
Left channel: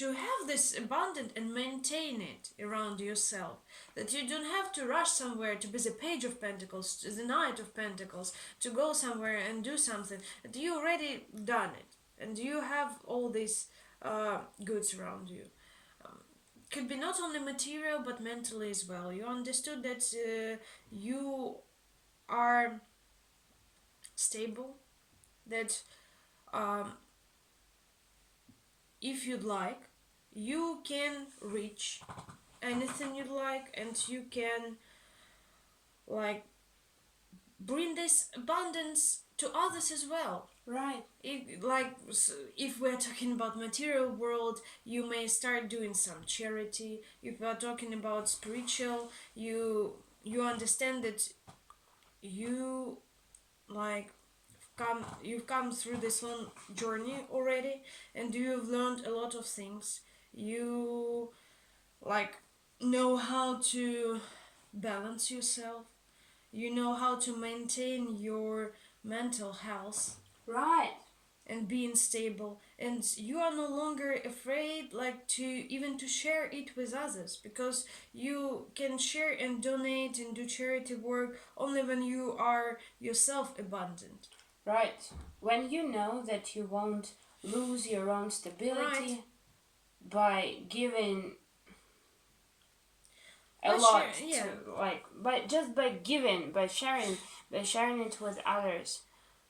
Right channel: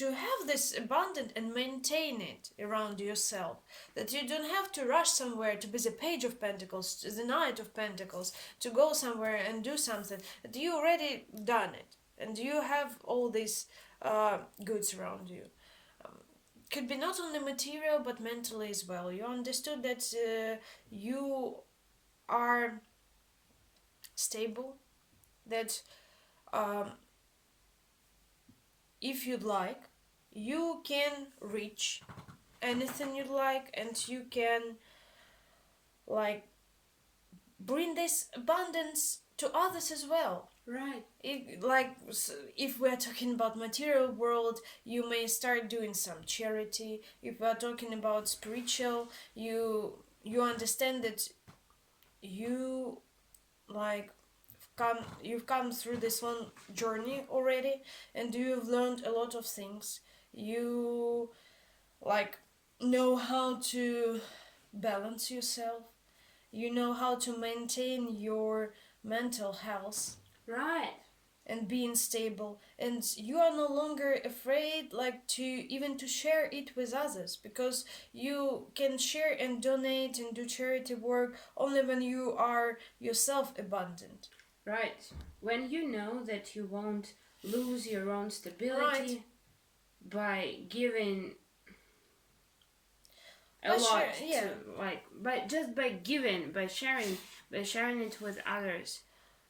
have this abundant and maintain it around yourself. That you don't have to rush somewhere to be the Page of Pentacles, to the Knight of Pentacles, to go somewhere and do something. That you already done it, and you have all these goods around you. Could be not only material but mentally as well. You understood that you are stable, that if you'd like, you can reach anything you'd like, and you can bring this abundance to others as well. Right. If we're talking about material world, you may start doing some charity. If we're talking about spiritual, you understand that you've come through this long journey already, and you've learned a lot of things. You know how to balance yourself. You know how to maintain your mental health. Right. And being stable, and you are no longer afraid to share it with others, because you can share and donate and do charity work only when you are yourself abundant. Right. When you know that you won't lose your own stability by giving a lot by sharing it with others.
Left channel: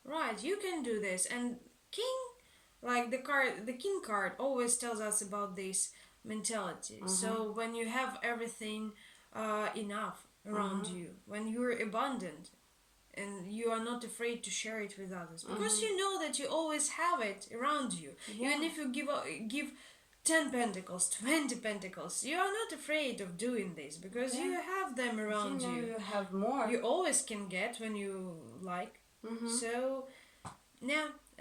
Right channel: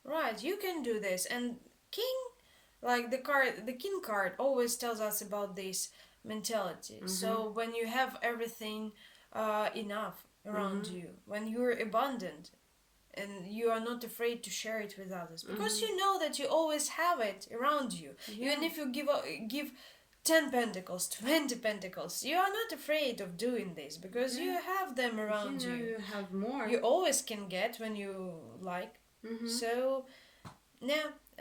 Right, you can do this. And the King card always tells us about this mentality. So when you have everything enough around you, when you're abundant and you are not afraid to share it with others, because you know that you always have it around you. Even if you give 10 pentacles, 20 pentacles, you are not afraid of doing this, because you have them around you. You have more. You always can get when you like. So,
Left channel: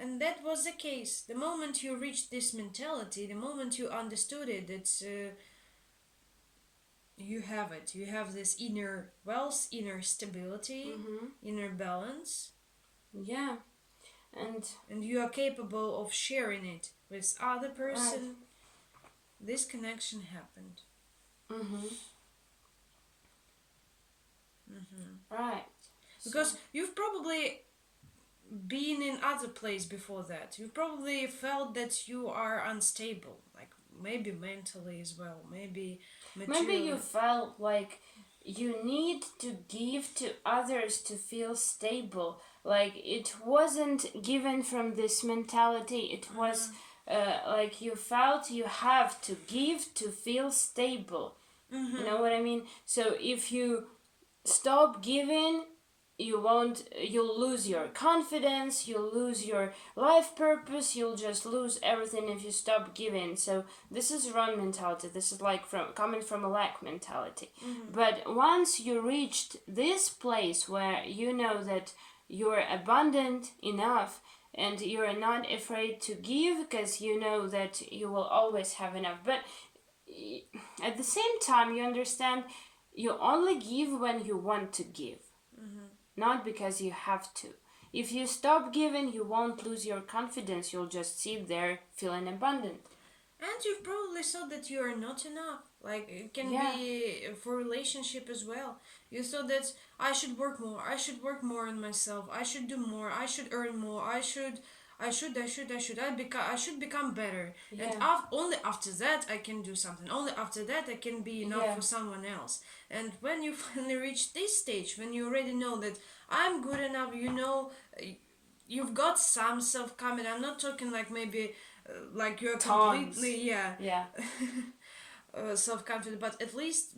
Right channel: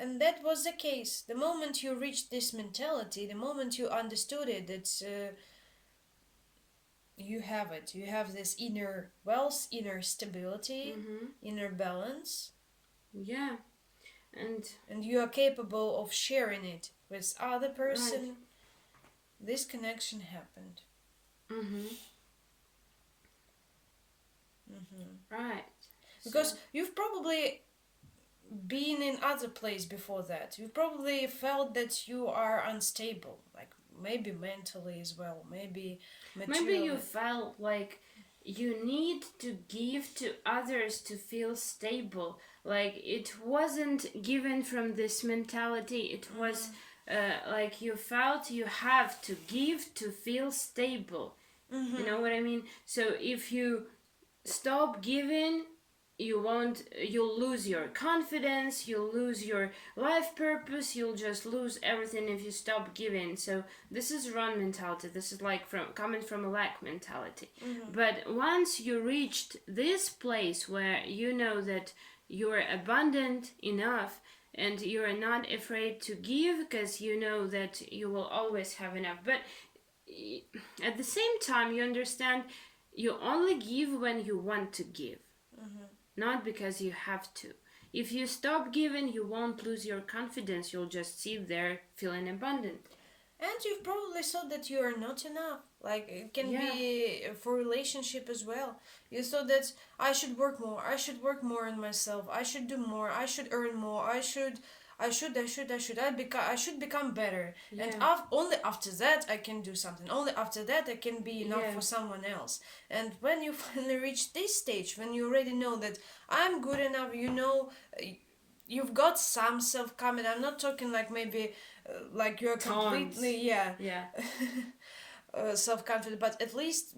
And that was the case. The moment you reached this mentality, the moment you understood it, it's you have it. You have this inner wealth, inner stability, inner balance. Yeah. And you are capable of sharing it with other person. Right. This connection happened. Right. Because you've probably been in other place before that. You've probably felt that you are unstable, like maybe mentally as well, maybe materially. Maybe you felt like you need to give to others to feel stable. Like it wasn't given from this mentality. It was like you felt you have to give to feel stable. You know what I mean? So if you stop giving, you'll lose your confidence, you'll lose your life purpose, you'll just lose everything if you stop giving. So this is wrong mentality. This is like coming from a lack mentality. But once you reached this place where you know that you're abundant enough and you're not afraid to give because you know that you will always have enough, but at the same time you understand you only give when you want to give. Not because you have to. If you stop giving, you won't lose your confidence. You'll just sit there feeling abundant. And you've probably thought that you are not enough. Like, it can be for relationship as well. You thought that I should work more. I should work more on myself. I should do more. I should earn more. I should become better. Yeah. And only after that I can do something. Only after that I can be enough for someone else. And when you finally reach this stage, when you already know that I'm good enough, you know, you've got some self-confidence. I'm not talking like maybe like you're completely self-confident, but at least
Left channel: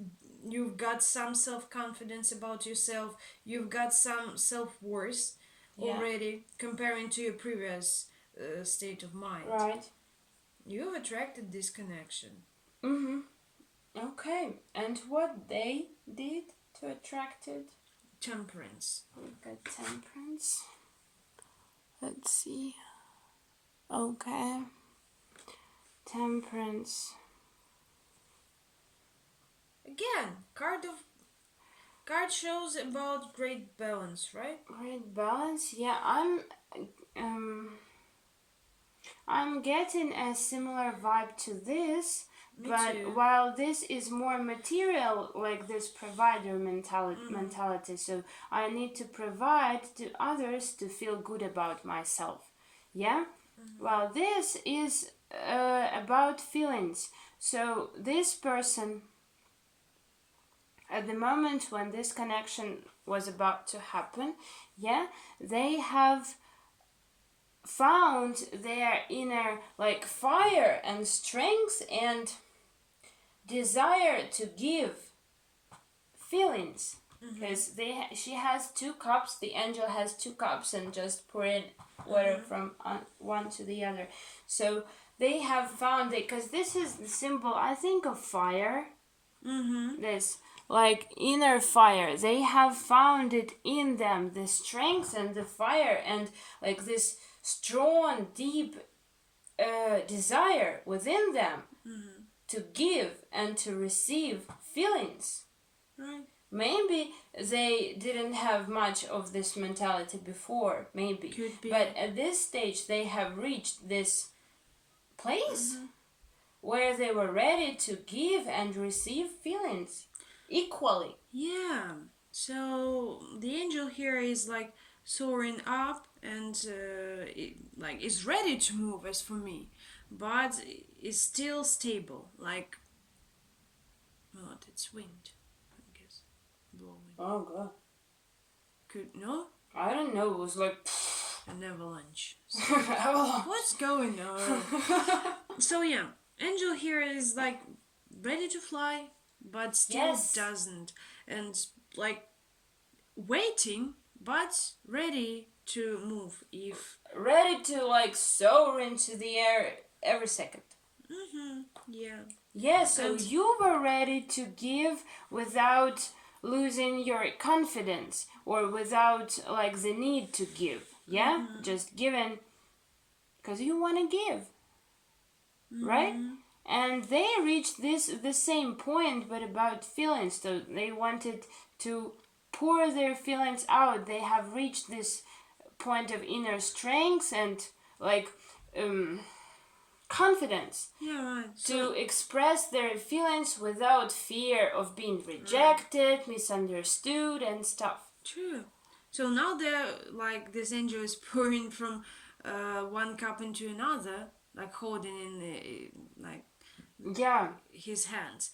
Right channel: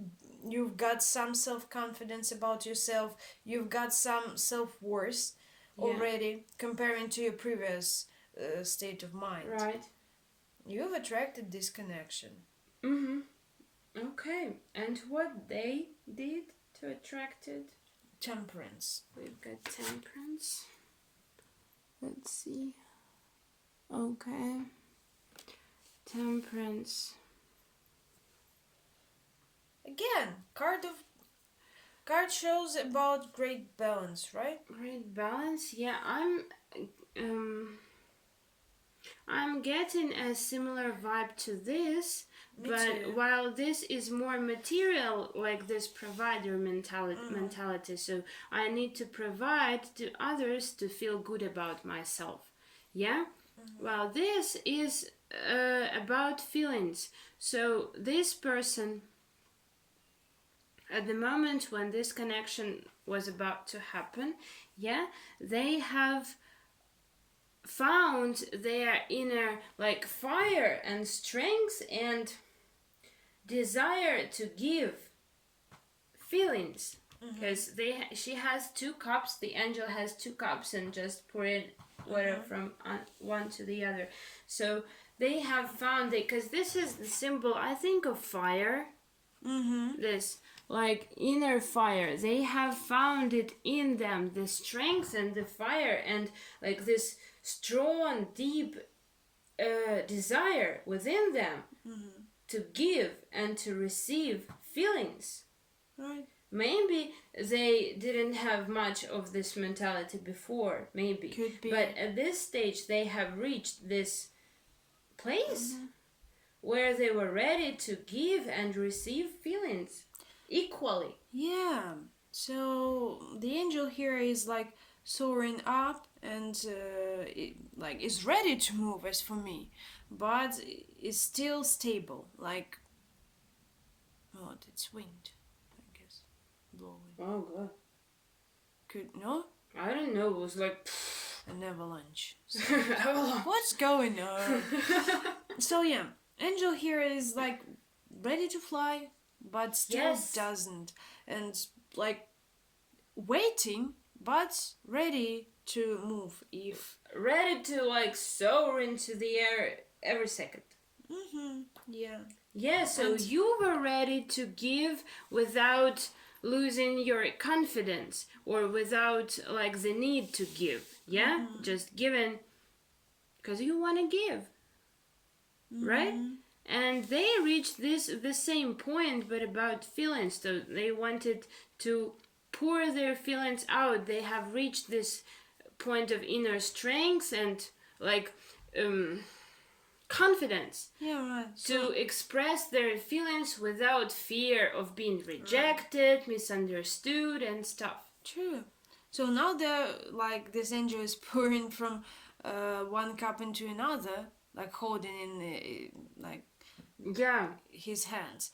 you've got some self-confidence about yourself. You've got some self-worth already, comparing to your previous state of mind. Right. You've attracted this connection. Okay. And what they did to attract it? Temperance. We've got temperance. Let's see. Okay. Temperance. Again, card shows about great balance, right? Great balance. Yeah, I'm getting a similar vibe to this. Me but too. While this is more material, like this provider mentality, so I need to provide to others to feel good about myself. Yeah? Well, this is about feelings. So this person, at the moment when this connection was about to happen, they have found their inner like fire and strength and desire to give feelings, because she has 2 cups, the angel has 2 cups and just pouring water from one to the other. So they have found it, because this is the symbol, I think, of fire. This like inner fire, they have found it in them, the strength and the fire, and like this strong deep desire within them to give and to receive feelings. Right. Maybe they didn't have much of this mentality before, maybe. Could be. But at this stage they have reached this place where they were ready to give and receive feelings equally. Yeah. So the angel here is like soaring up and is ready to move, as for me, but is still stable. Like, what? It's wind, I guess, blowing. Oh God. No? I don't know. It was like an avalanche. So, what's going on? So yeah, angel here is like ready to fly, but still doesn't, and like waiting, but ready to move, if ready to like soar into the air every second. Yeah, so and you were ready to give without losing your confidence or without like the need to give. Just giving because you want to give, right? And they reached the same point, but about feelings. So they wanted to pour their feelings out. They have reached this point of inner strength and like confidence to express their feelings without fear of being rejected, misunderstood, and stuff. True. So now they're like this angel is pouring from one cup into another, like holding in his hands.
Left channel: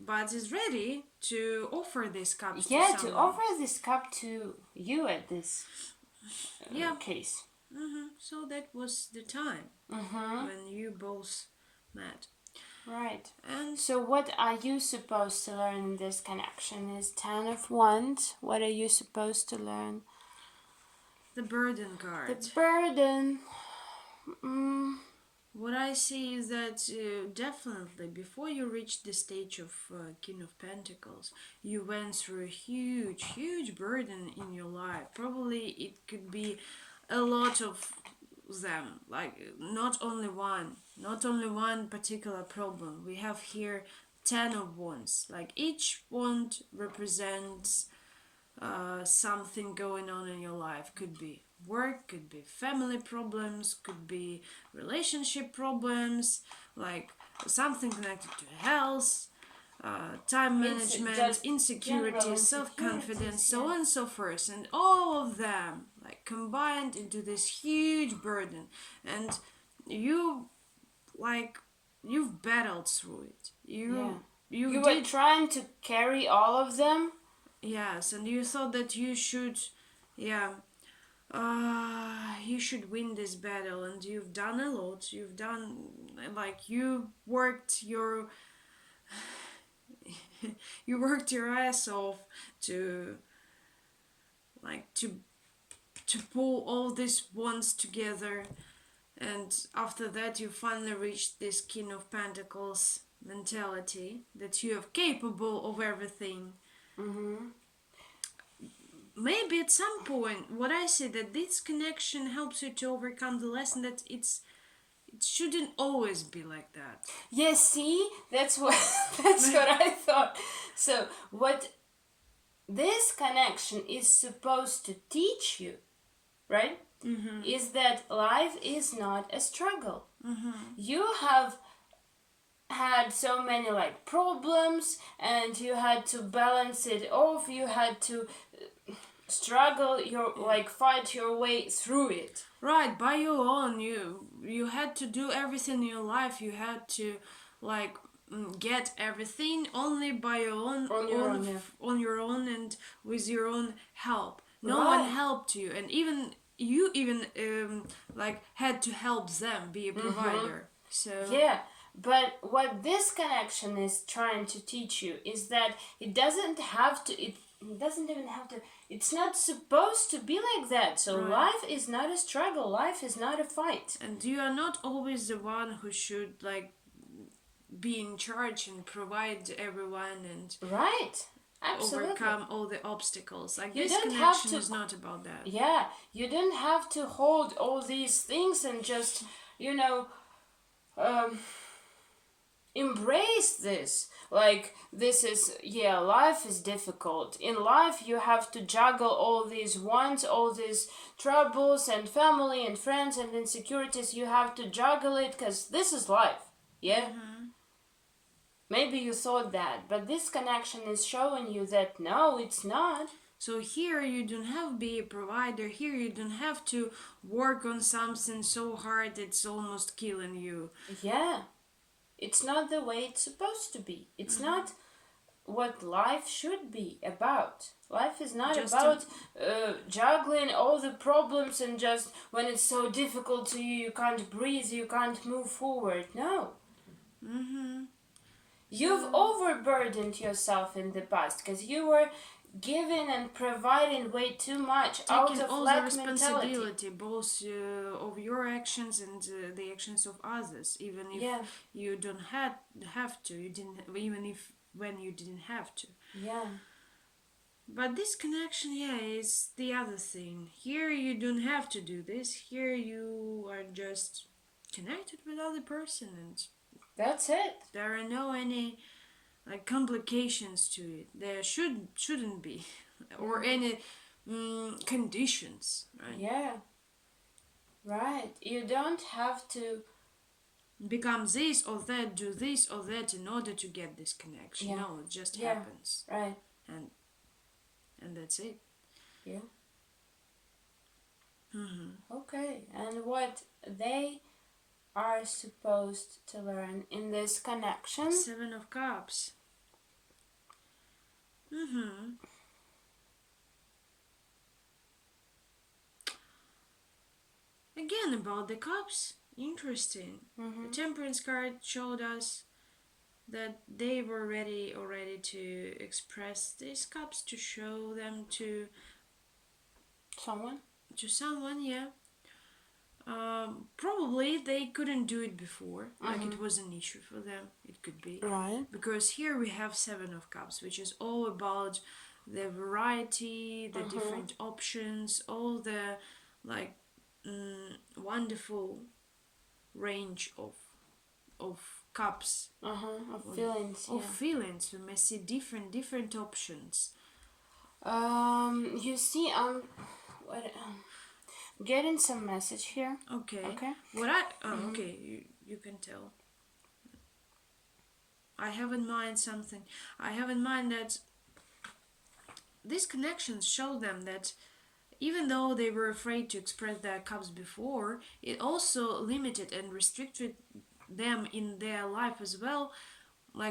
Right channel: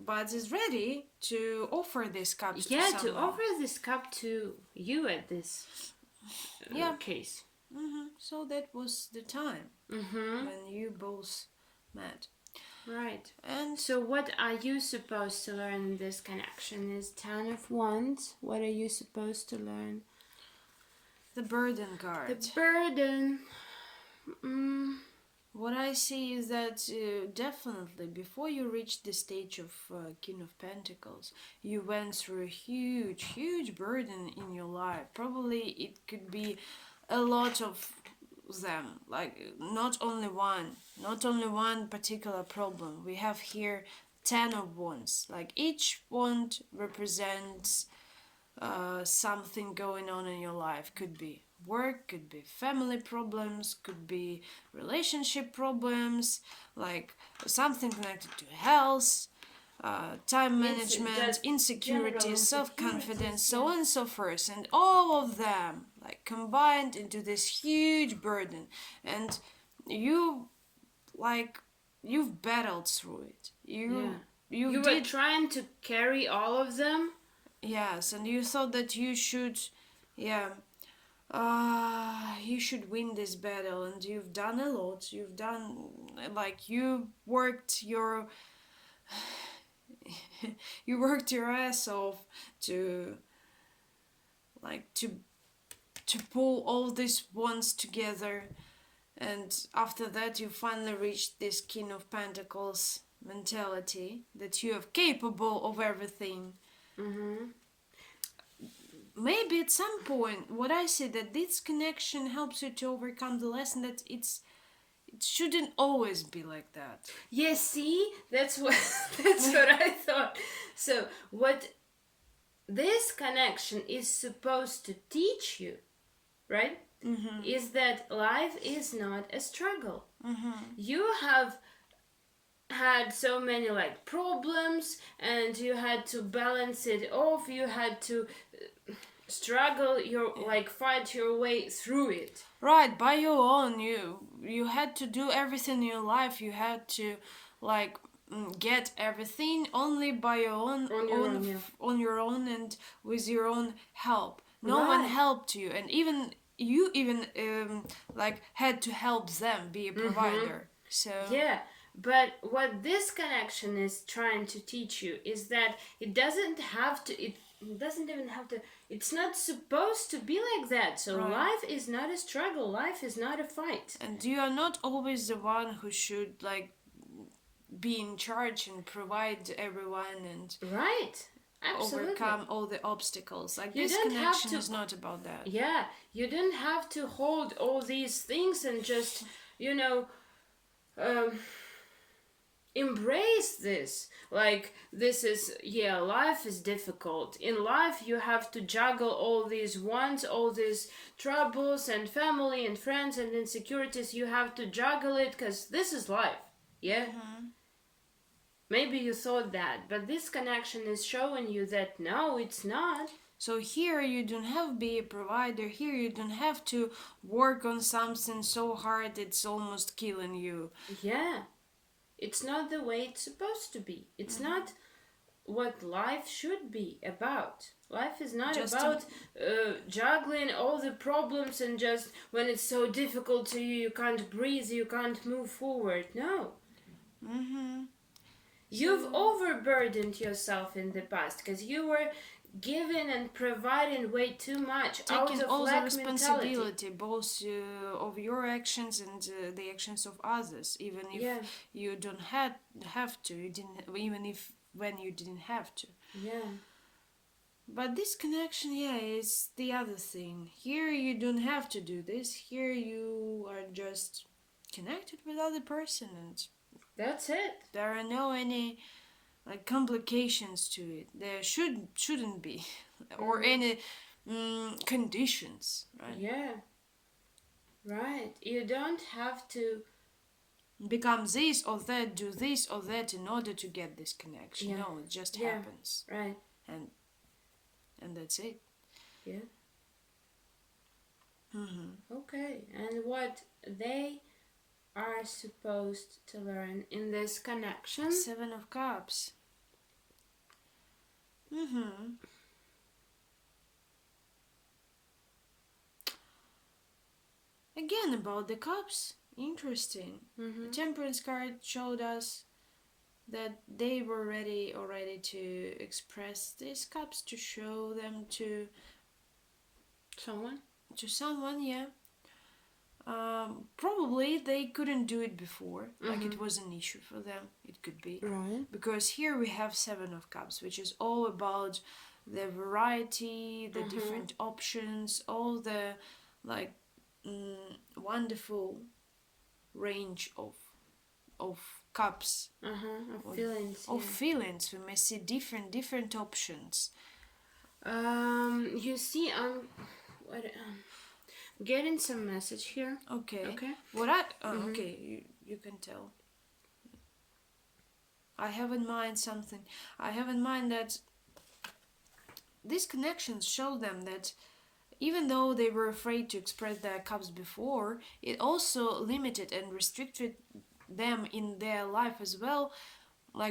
But is ready to offer this cup to someone. To offer this cup to you at this case. So that was the time when you both met. Right. And so what are you supposed to learn in this connection? Is Ten of Wands. What are you supposed to learn? The burden card. The burden. What I see is that definitely before you reach the stage of King of Pentacles, you went through a huge, huge burden in your life. Probably it could be a lot of them, like not only one particular problem. We have here 10 of Wands. Like each wand represents something going on in your life. Could be work, could be family problems, could be relationship problems, like something connected to health, time management, insecurity, self-confidence, so on and so forth, and all of them like combined into this huge burden. And you've battled through it. You were trying to carry all of them. Yes, and you thought that you should win this battle, and you've done a lot. You've done, like, you worked your ass off to pull all these wands together, and after that you finally reached this King of Pentacles mentality that you are capable of everything. Maybe at some point, what I see that this connection helps you to overcome the lesson that it shouldn't always be like that. Yes, see, that's what I thought. So what this connection is supposed to teach you, right? Is that life is not a struggle. You have had so many like problems, and you had to balance it off. You had to struggle fight your way through it, right, by your own. You had to do everything in your life. You had to get everything only by your own on your own and with your own help. No one helped you, and you had to help them be a provider. So but what this connection is trying to teach you is that it doesn't even have to. It's not supposed to be like that. So life is not a struggle. Life is not a fight. And you are not always the one who should be in charge and provide everyone and absolutely overcome all the obstacles. This connection is not about that. Yeah, you don't have to hold all these things and just embrace this. This is, life is difficult. In life, you have to juggle all these wants, all these troubles, and family and friends and insecurities. You have to juggle it because this is life. Yeah? Maybe you thought that, but this connection is showing you that no, it's not. So here you don't have to be a provider. Here you don't have to work on something so hard it's almost killing you. Yeah. It's not the way it's supposed to be. It's not what life should be about. Life is not just about juggling all the problems and just when it's so difficult to you, you can't breathe, you can't move forward. No. You've overburdened yourself in the past because you were giving and providing way too much, taking out of all lack the responsibility, mentality. Both of your actions and the actions of others, even if you don't have to. You didn't, even if when you didn't have to. Yeah. But this connection, is the other thing. Here you don't have to do this. Here you are just connected with other person, and that's it. there are no any complications to it. There shouldn't be, or any conditions, right? Yeah. Right. You don't have to become this or that, do this or that in order to get this connection. Yeah. No, it just happens. Right. And that's it. Yeah. Mm-hmm. Okay. And what they are supposed to learn in this connection? 7 of Cups. Mm-hmm. Again, about the cups. Interesting. The Temperance card showed us that they were ready already to express these cups, to show them to someone, yeah. Probably they couldn't do it before, like it was an issue for them. It could be, right? Because here we have 7 of Cups, which is all about the variety, the different options, all the wonderful range of cups, of feelings, of feelings. We may see different options. You see, I'm getting some message here. Okay. What okay, you can tell. I have in mind something. I have in mind that these connections show them that even though they were afraid to express their cups before, it also limited and restricted them in their life as well,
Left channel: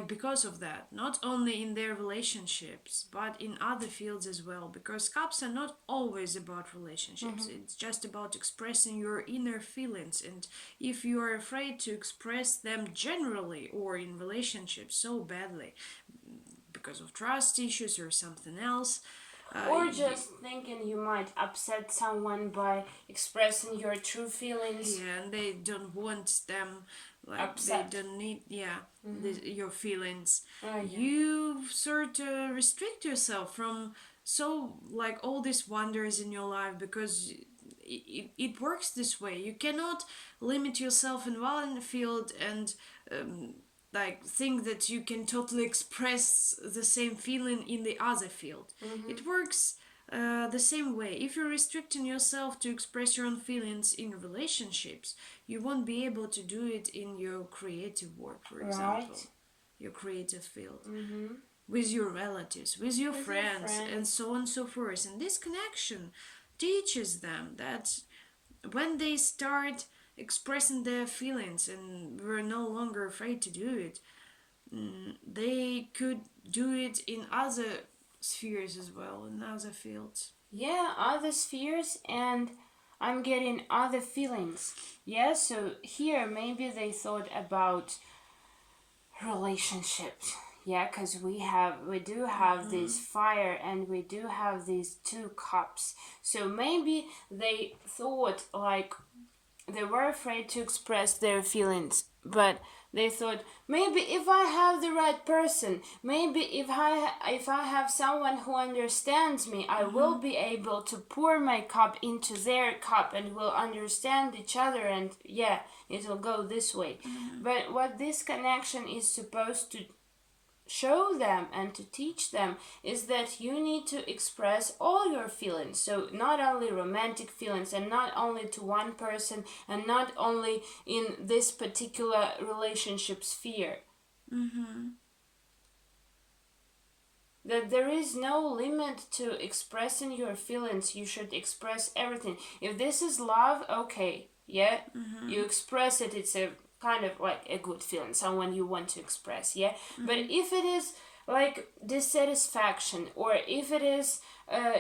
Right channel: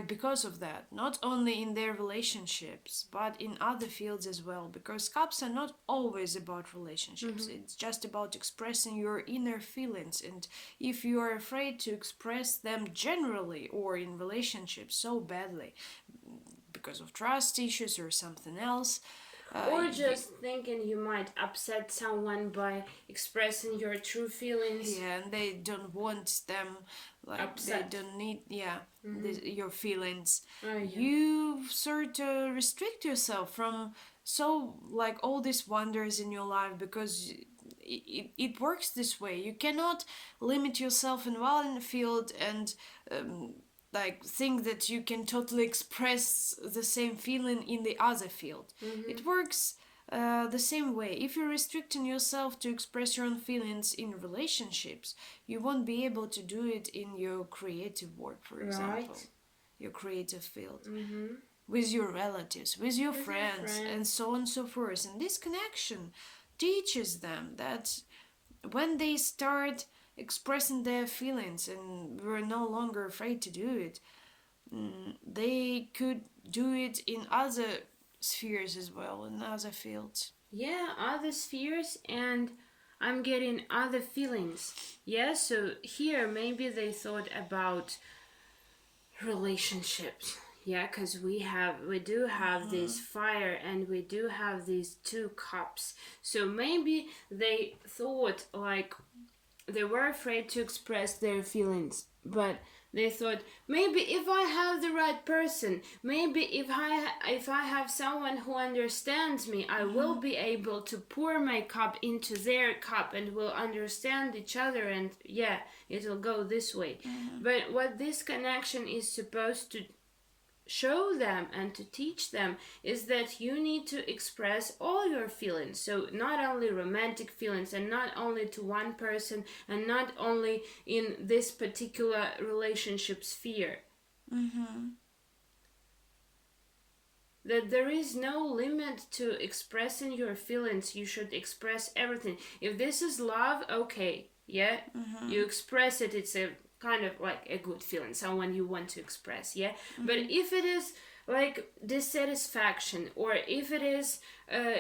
because of that. Not only in their relationships, but in other fields as well. Because cups are not always about relationships. It's just about expressing your inner feelings. And if you are afraid to express them generally or in relationships so badly, because of trust issues or something else, or just thinking you might upset someone by expressing your true feelings. Yeah, and they don't want them, upset. They don't need, your feelings. Oh, yeah. You sort of restrict yourself from all these wonders in your life, because it works this way. You cannot limit yourself in one field and think that you can totally express the same feeling in the other field. It works the same way. If you're restricting yourself to express your own feelings in relationships, you won't be able to do it in your creative work, for example. Your creative field. With your relatives, with your friends, and so on and so forth. And this connection teaches them that when they start expressing their feelings and were no longer afraid to do it, they could do it in other spheres as well, in other fields. Yeah, other spheres, and I'm getting other feelings. Yeah, so here maybe they thought about relationships. Yeah, because we do have this fire, and we do have these 2 cups. So maybe they thought they were afraid to express their feelings, but they thought, maybe if I have the right person, maybe if I have someone who understands me, I will be able to pour my cup into their cup, and we'll understand each other, and it'll go this way. But what this connection is supposed to show them and to teach them is that you need to express all your feelings. So not only romantic feelings, and not only to one person, and not only in this particular relationship sphere. That there is no limit to expressing your feelings. You should express everything. If this is love, okay, you express it. It's a kind of a good feeling, someone you want to express, but if it is dissatisfaction, or if it is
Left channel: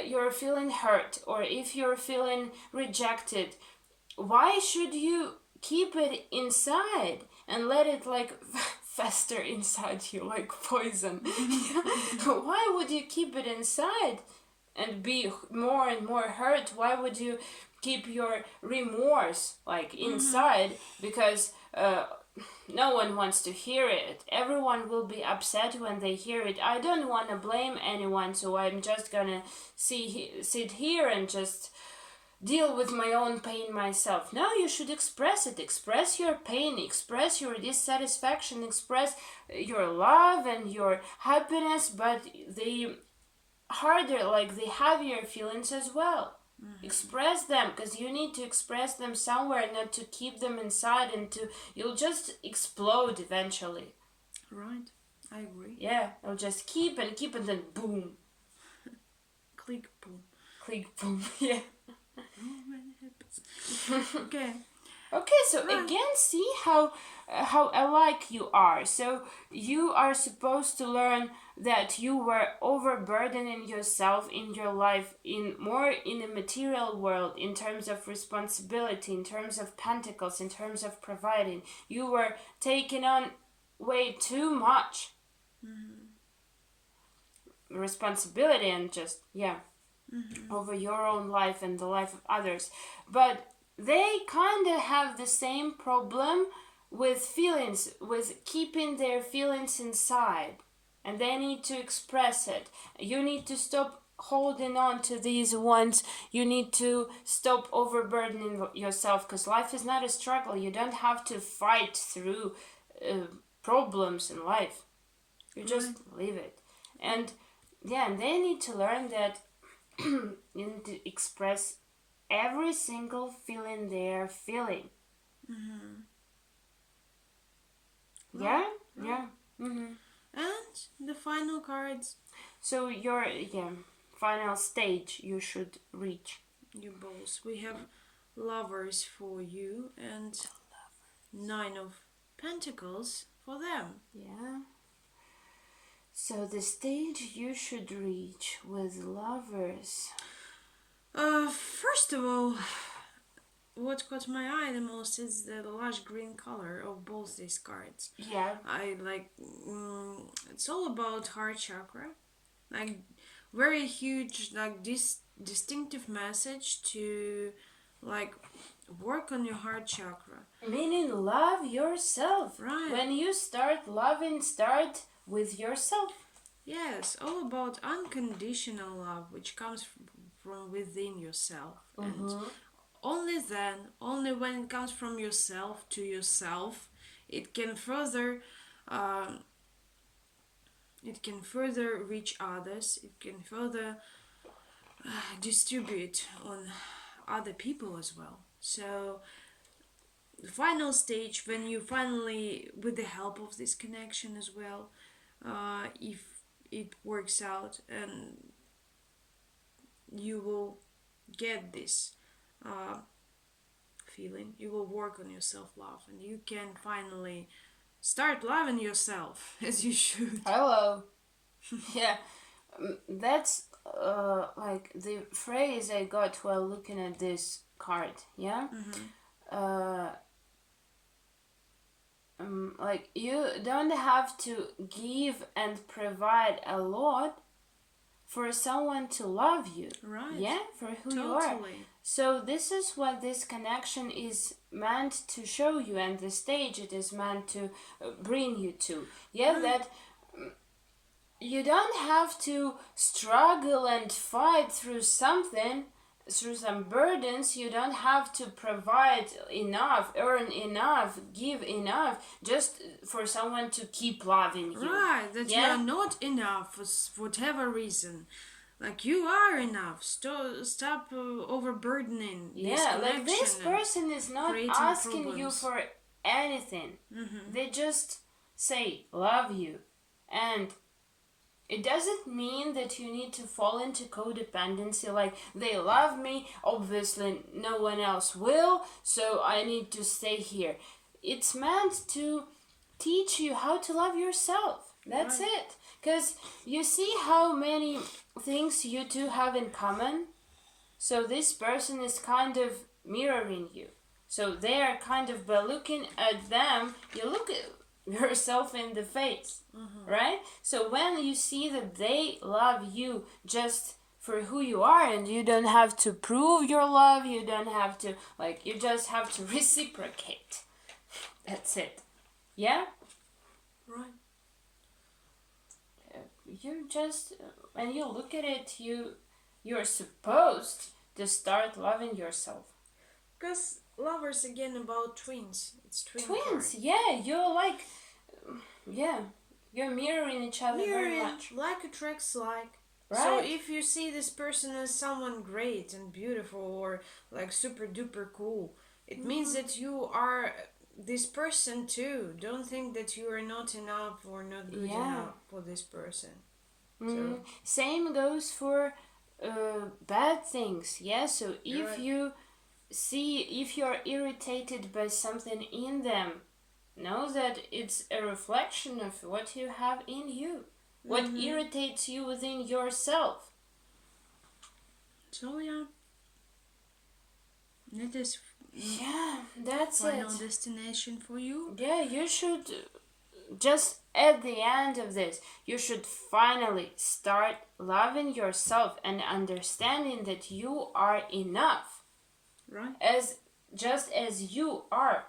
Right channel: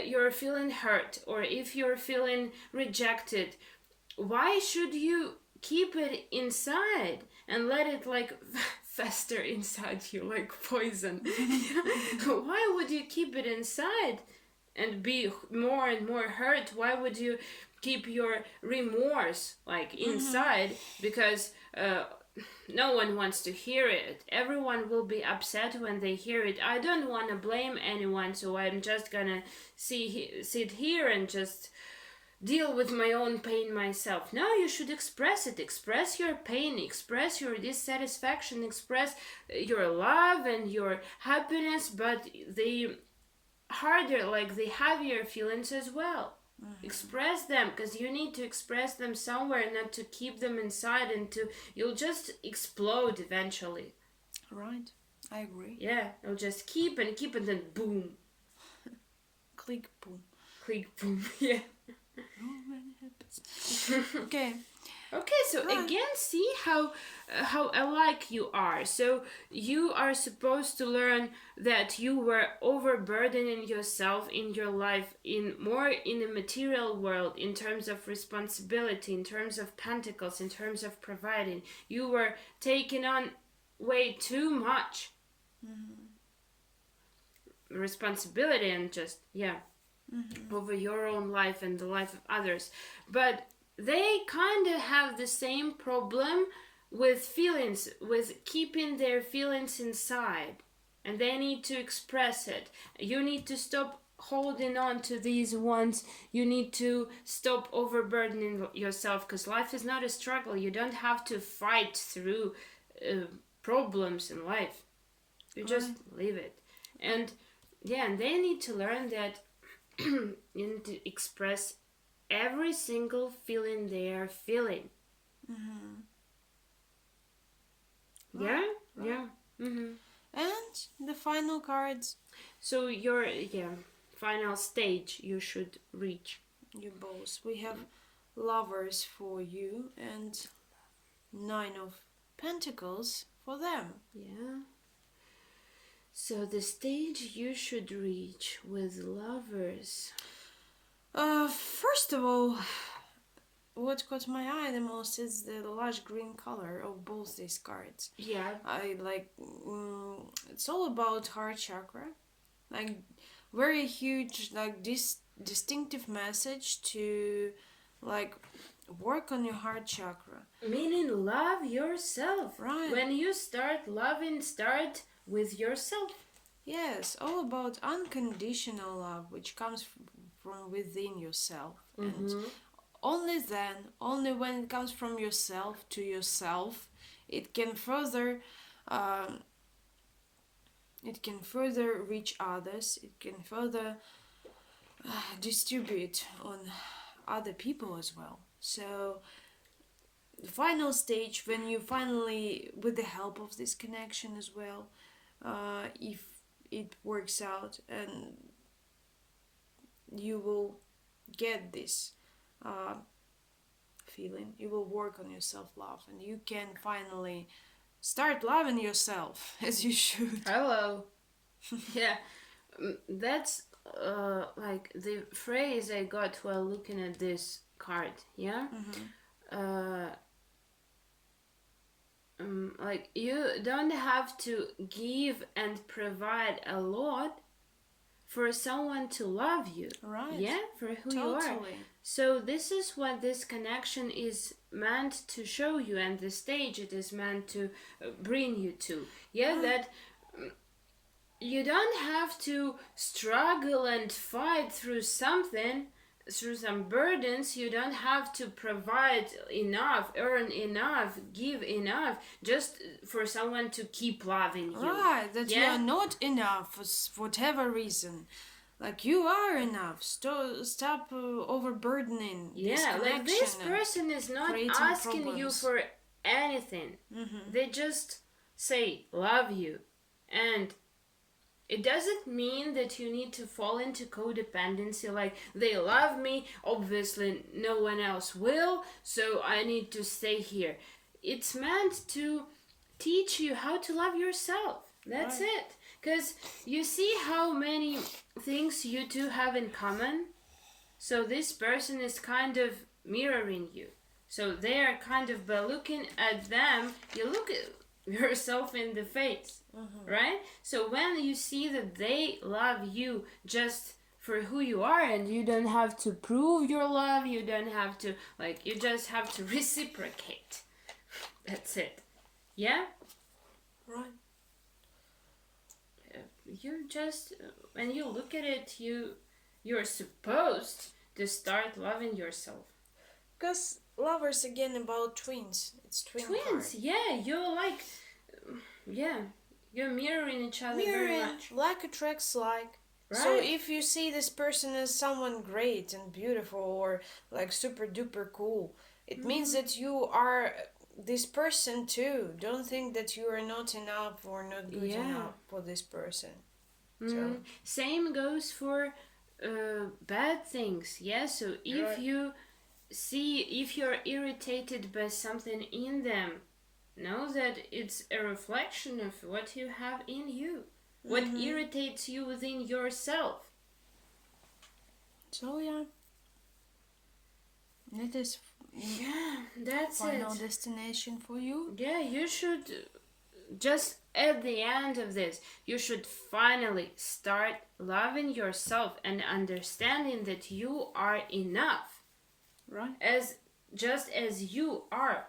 you're feeling hurt, or if you're feeling rejected, why should you keep it inside and let it fester inside you like poison? Why would you keep it inside and be more and more hurt? Why would you keep your remorse inside? Because no one wants to hear it. Everyone will be upset when they hear it. I don't want to blame anyone, so I'm just gonna sit here and just deal with my own pain myself. No, you should express it. Express your pain, express your dissatisfaction, express your love and your happiness, but the harder, like the heavier feelings as well. Express them, because you need to express them somewhere, not to keep them inside, and you'll just explode eventually. Right, I agree. Yeah, you'll just keep and then boom. Click, boom. Click, boom. Yeah. Okay. Okay, so again, see how alike you are. So you are supposed to learn that you were overburdening yourself in your life in the material world, in terms of responsibility, in terms of pentacles, in terms of providing. You were taking on way too much responsibility and just over your own life and the life of others. But they kind of have the same problem with feelings, with keeping their feelings inside, and they need to express it. You need to stop holding on to these ones. You need to stop overburdening yourself, because life is not a struggle. You don't have to fight through problems in life. You just leave it. And and they need to learn that you need to express every single feeling they're feeling. Yeah. And the final cards. So your final stage you should reach. You both. We have Lovers for you and 9 of Pentacles for them. Yeah. So the stage you should reach with Lovers. First of all, what caught my eye the most is the lush green color of both these cards. Yeah. I like, it's all about heart chakra. Like, very huge, like, this distinctive message to, like, work on your heart chakra. Meaning love yourself. Right. When you start loving, start with yourself. Yes, all about unconditional love, which comes from within yourself. And only then, only when it comes from yourself to yourself, it can further reach others. It can further distribute on other people as well. So the final stage, when you finally, with the help of this connection as well, if it works out and you will get this feeling, you will work on your self-love and you can finally start loving yourself as you should. Hello. Yeah, that's like the phrase I got while looking at this card. Yeah. Like, you don't have to give and provide a lot for someone to love you. Right. Yeah, for who you are. So this is what this connection is meant to show you, and the stage it is meant to bring you to. Yeah, that you don't have to struggle and fight through something, through some burdens. You don't have to provide enough, earn enough, give enough just for someone to keep loving you. Right, that you are not enough for whatever reason. Like, you are enough. Stop overburdening. Yeah, like, this person is not asking problems. You for anything. They just say love you, and it doesn't mean that you need to fall into codependency, like, they love me, obviously no one else will, so I need to stay here. It's meant to teach you how to love yourself. That's it. Because you see how many things you two have in common? So this person is kind of mirroring you. So they are kind of, by looking at them, you look at yourself in the face, right? So when you see that they love you just for who you are, and you don't have to prove your love, you don't have to, like, you just have to reciprocate. That's it. Yeah? Right. You just, when you look at it, you're supposed to start loving yourself. Because love is again about twins. It's Twins, card. yeah. You're like, yeah. You're mirroring each other very much. Like attracts like. Right. So if you see this person as someone great and beautiful or like super duper cool, it means that you are this person too. Don't think that you are not enough or not good enough for this person. So. Same goes for bad things. Yeah. So if you see, if you are irritated by something in them, know that it's a reflection of what you have in you. What irritates you within yourself. So yeah. It is that's final destination for you. Yeah, you should just at the end of this, you should finally start loving yourself and understanding that you are enough. Right. Just as you are.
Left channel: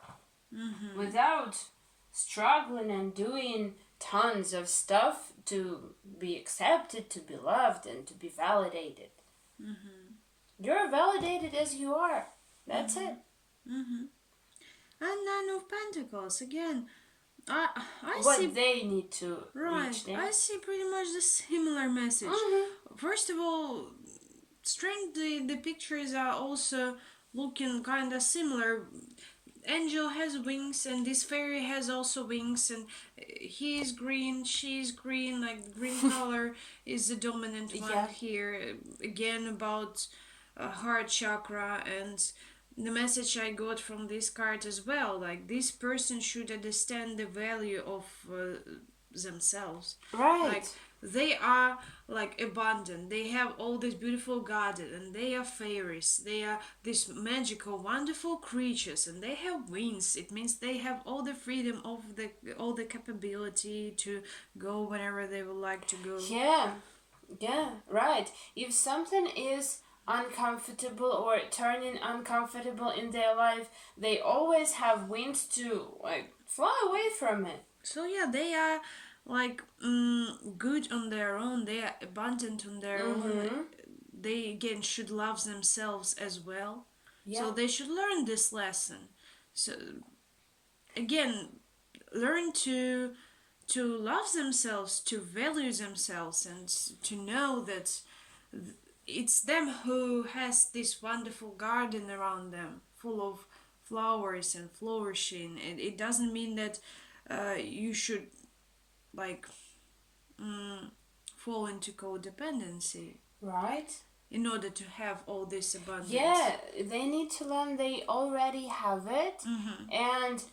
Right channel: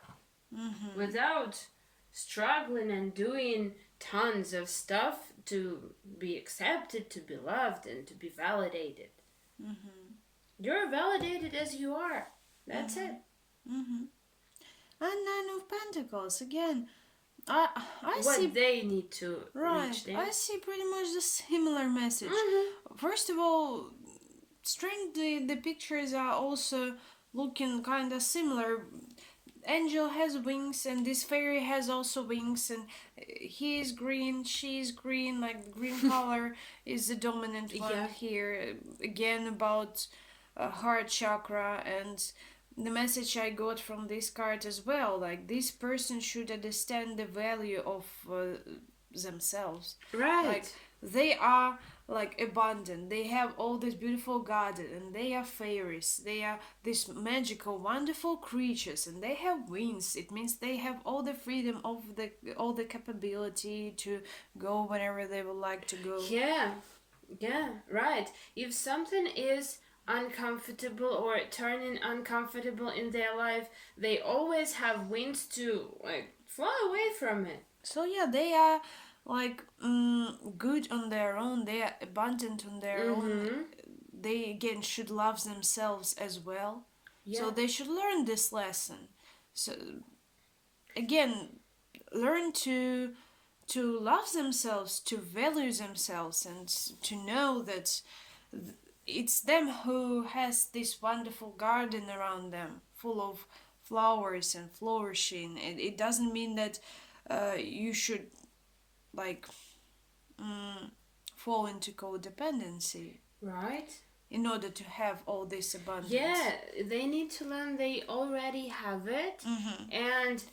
Without struggling and doing tons of stuff to be accepted, to be loved, and to be validated. You're validated as you are. That's it. And Nine of Pentacles again. I what see they need to reach there. I see pretty much the similar message. First of all, strangely, the pictures are also looking kind of similar. Angel has wings and this fairy has also wings, and he is green, she is green, like the green color is the dominant one here. Again about heart chakra, and the message I got from this card as well, like this person should understand the value of themselves. Right. Like they are like abundant, they have all this beautiful garden, and they are fairies, they are these magical wonderful creatures, and they have wings. It means they have all the freedom of all the capability to go wherever they would like to go. Yeah, right. If something is uncomfortable or turning uncomfortable in their life, they always have wings to like fly away from it. So yeah, they are like good on their own, they are abundant on their own. They again should love themselves as well. So they should learn this lesson. So again, learn to love themselves, to value themselves, and to know that it's them who has this wonderful garden around them full of flowers and flourishing. And it doesn't mean that you should like fall into codependency, right, in order to have all this abundance. Yeah, they need to learn they already have it, and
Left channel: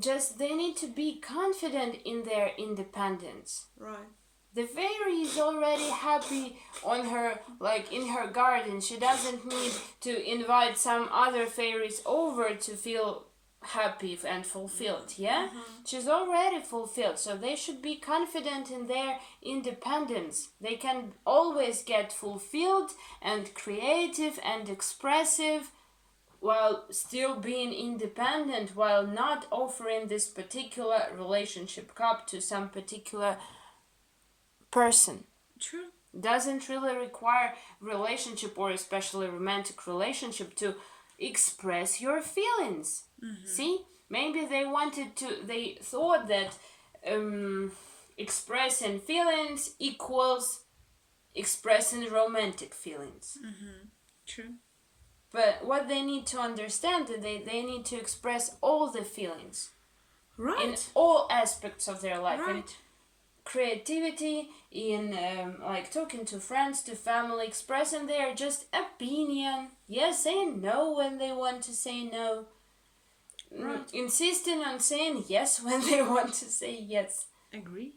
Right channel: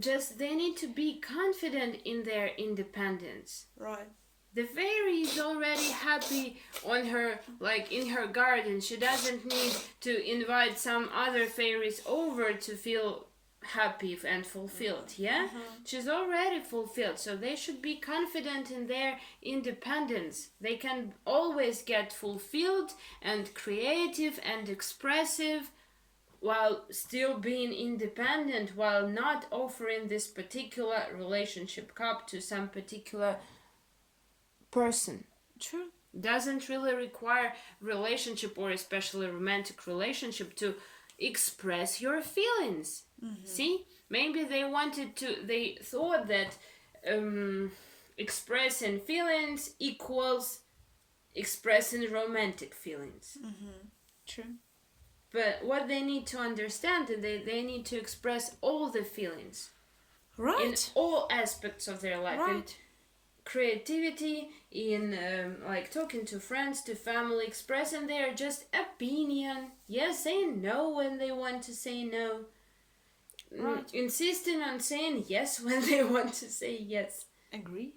just they need to be confident in their independence. Right. The fairy is already happy on her, like in her garden. She doesn't need to invite some other fairies over to feel happy and fulfilled. She's already fulfilled, so they should be confident in their independence. They can always get fulfilled and creative and expressive while still being independent, while not offering this particular relationship cup to some particular person. True. Doesn't really require relationship, or especially romantic relationship, to express your feelings. See, maybe they thought that expressing feelings equals expressing romantic feelings. True. But what they need to understand is they need to express all the feelings, right, in all aspects of their life. Right. In creativity, in like talking to friends, to family, expressing their just opinion. Saying no when they want to say no. Right. Insisting on saying yes when they want to say yes. Agree.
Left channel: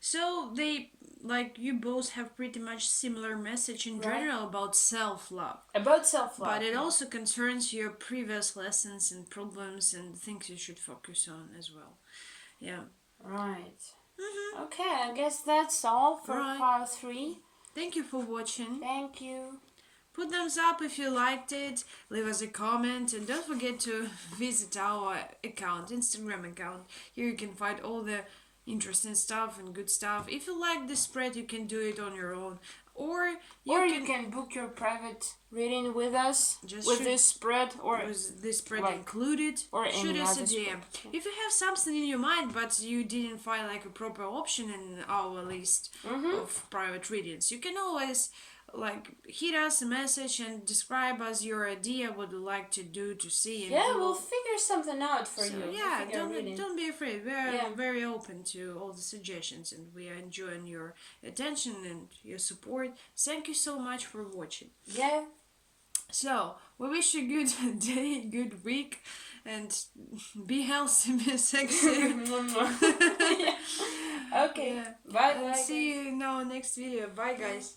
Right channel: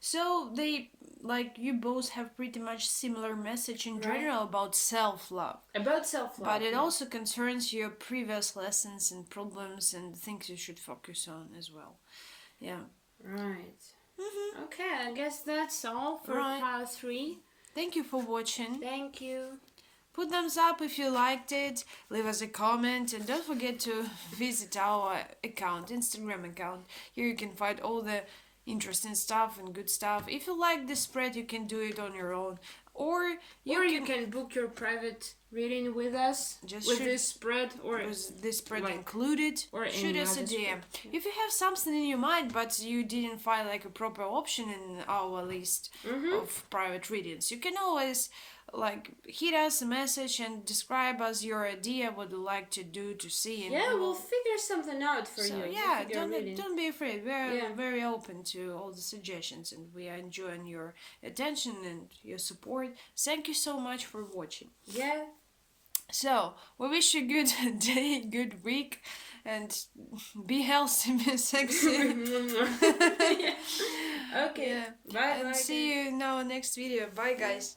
So they, like, you both have pretty much similar message in general about self-love. But it also concerns your previous lessons and problems and things you should focus on as well. Yeah. Right. Okay, I guess that's all for part 3. Thank you for watching. Thank you. Put thumbs up if you liked it. Leave us a comment. And don't forget to visit our account, Instagram account. Here you can find all the interesting stuff and good stuff. If you like this spread, you can do it on your own. Or you can book your private reading with us, with this spread, or with this spread included, or shoot us a DM. Yeah. If you have something in your mind but you didn't find like a proper option in our list of private readings, you can always like hit us a message and describe us your idea, what you'd like to do, to see. And we'll figure something out for you. Yeah, don't be afraid. We're very open to all the suggestions, and we are enjoying your attention and your support. Thank you so much for watching. Yeah. So, we wish you a good day, good week, and be healthy, be sexy. Okay. Bye. And see you in our next video. Bye, guys.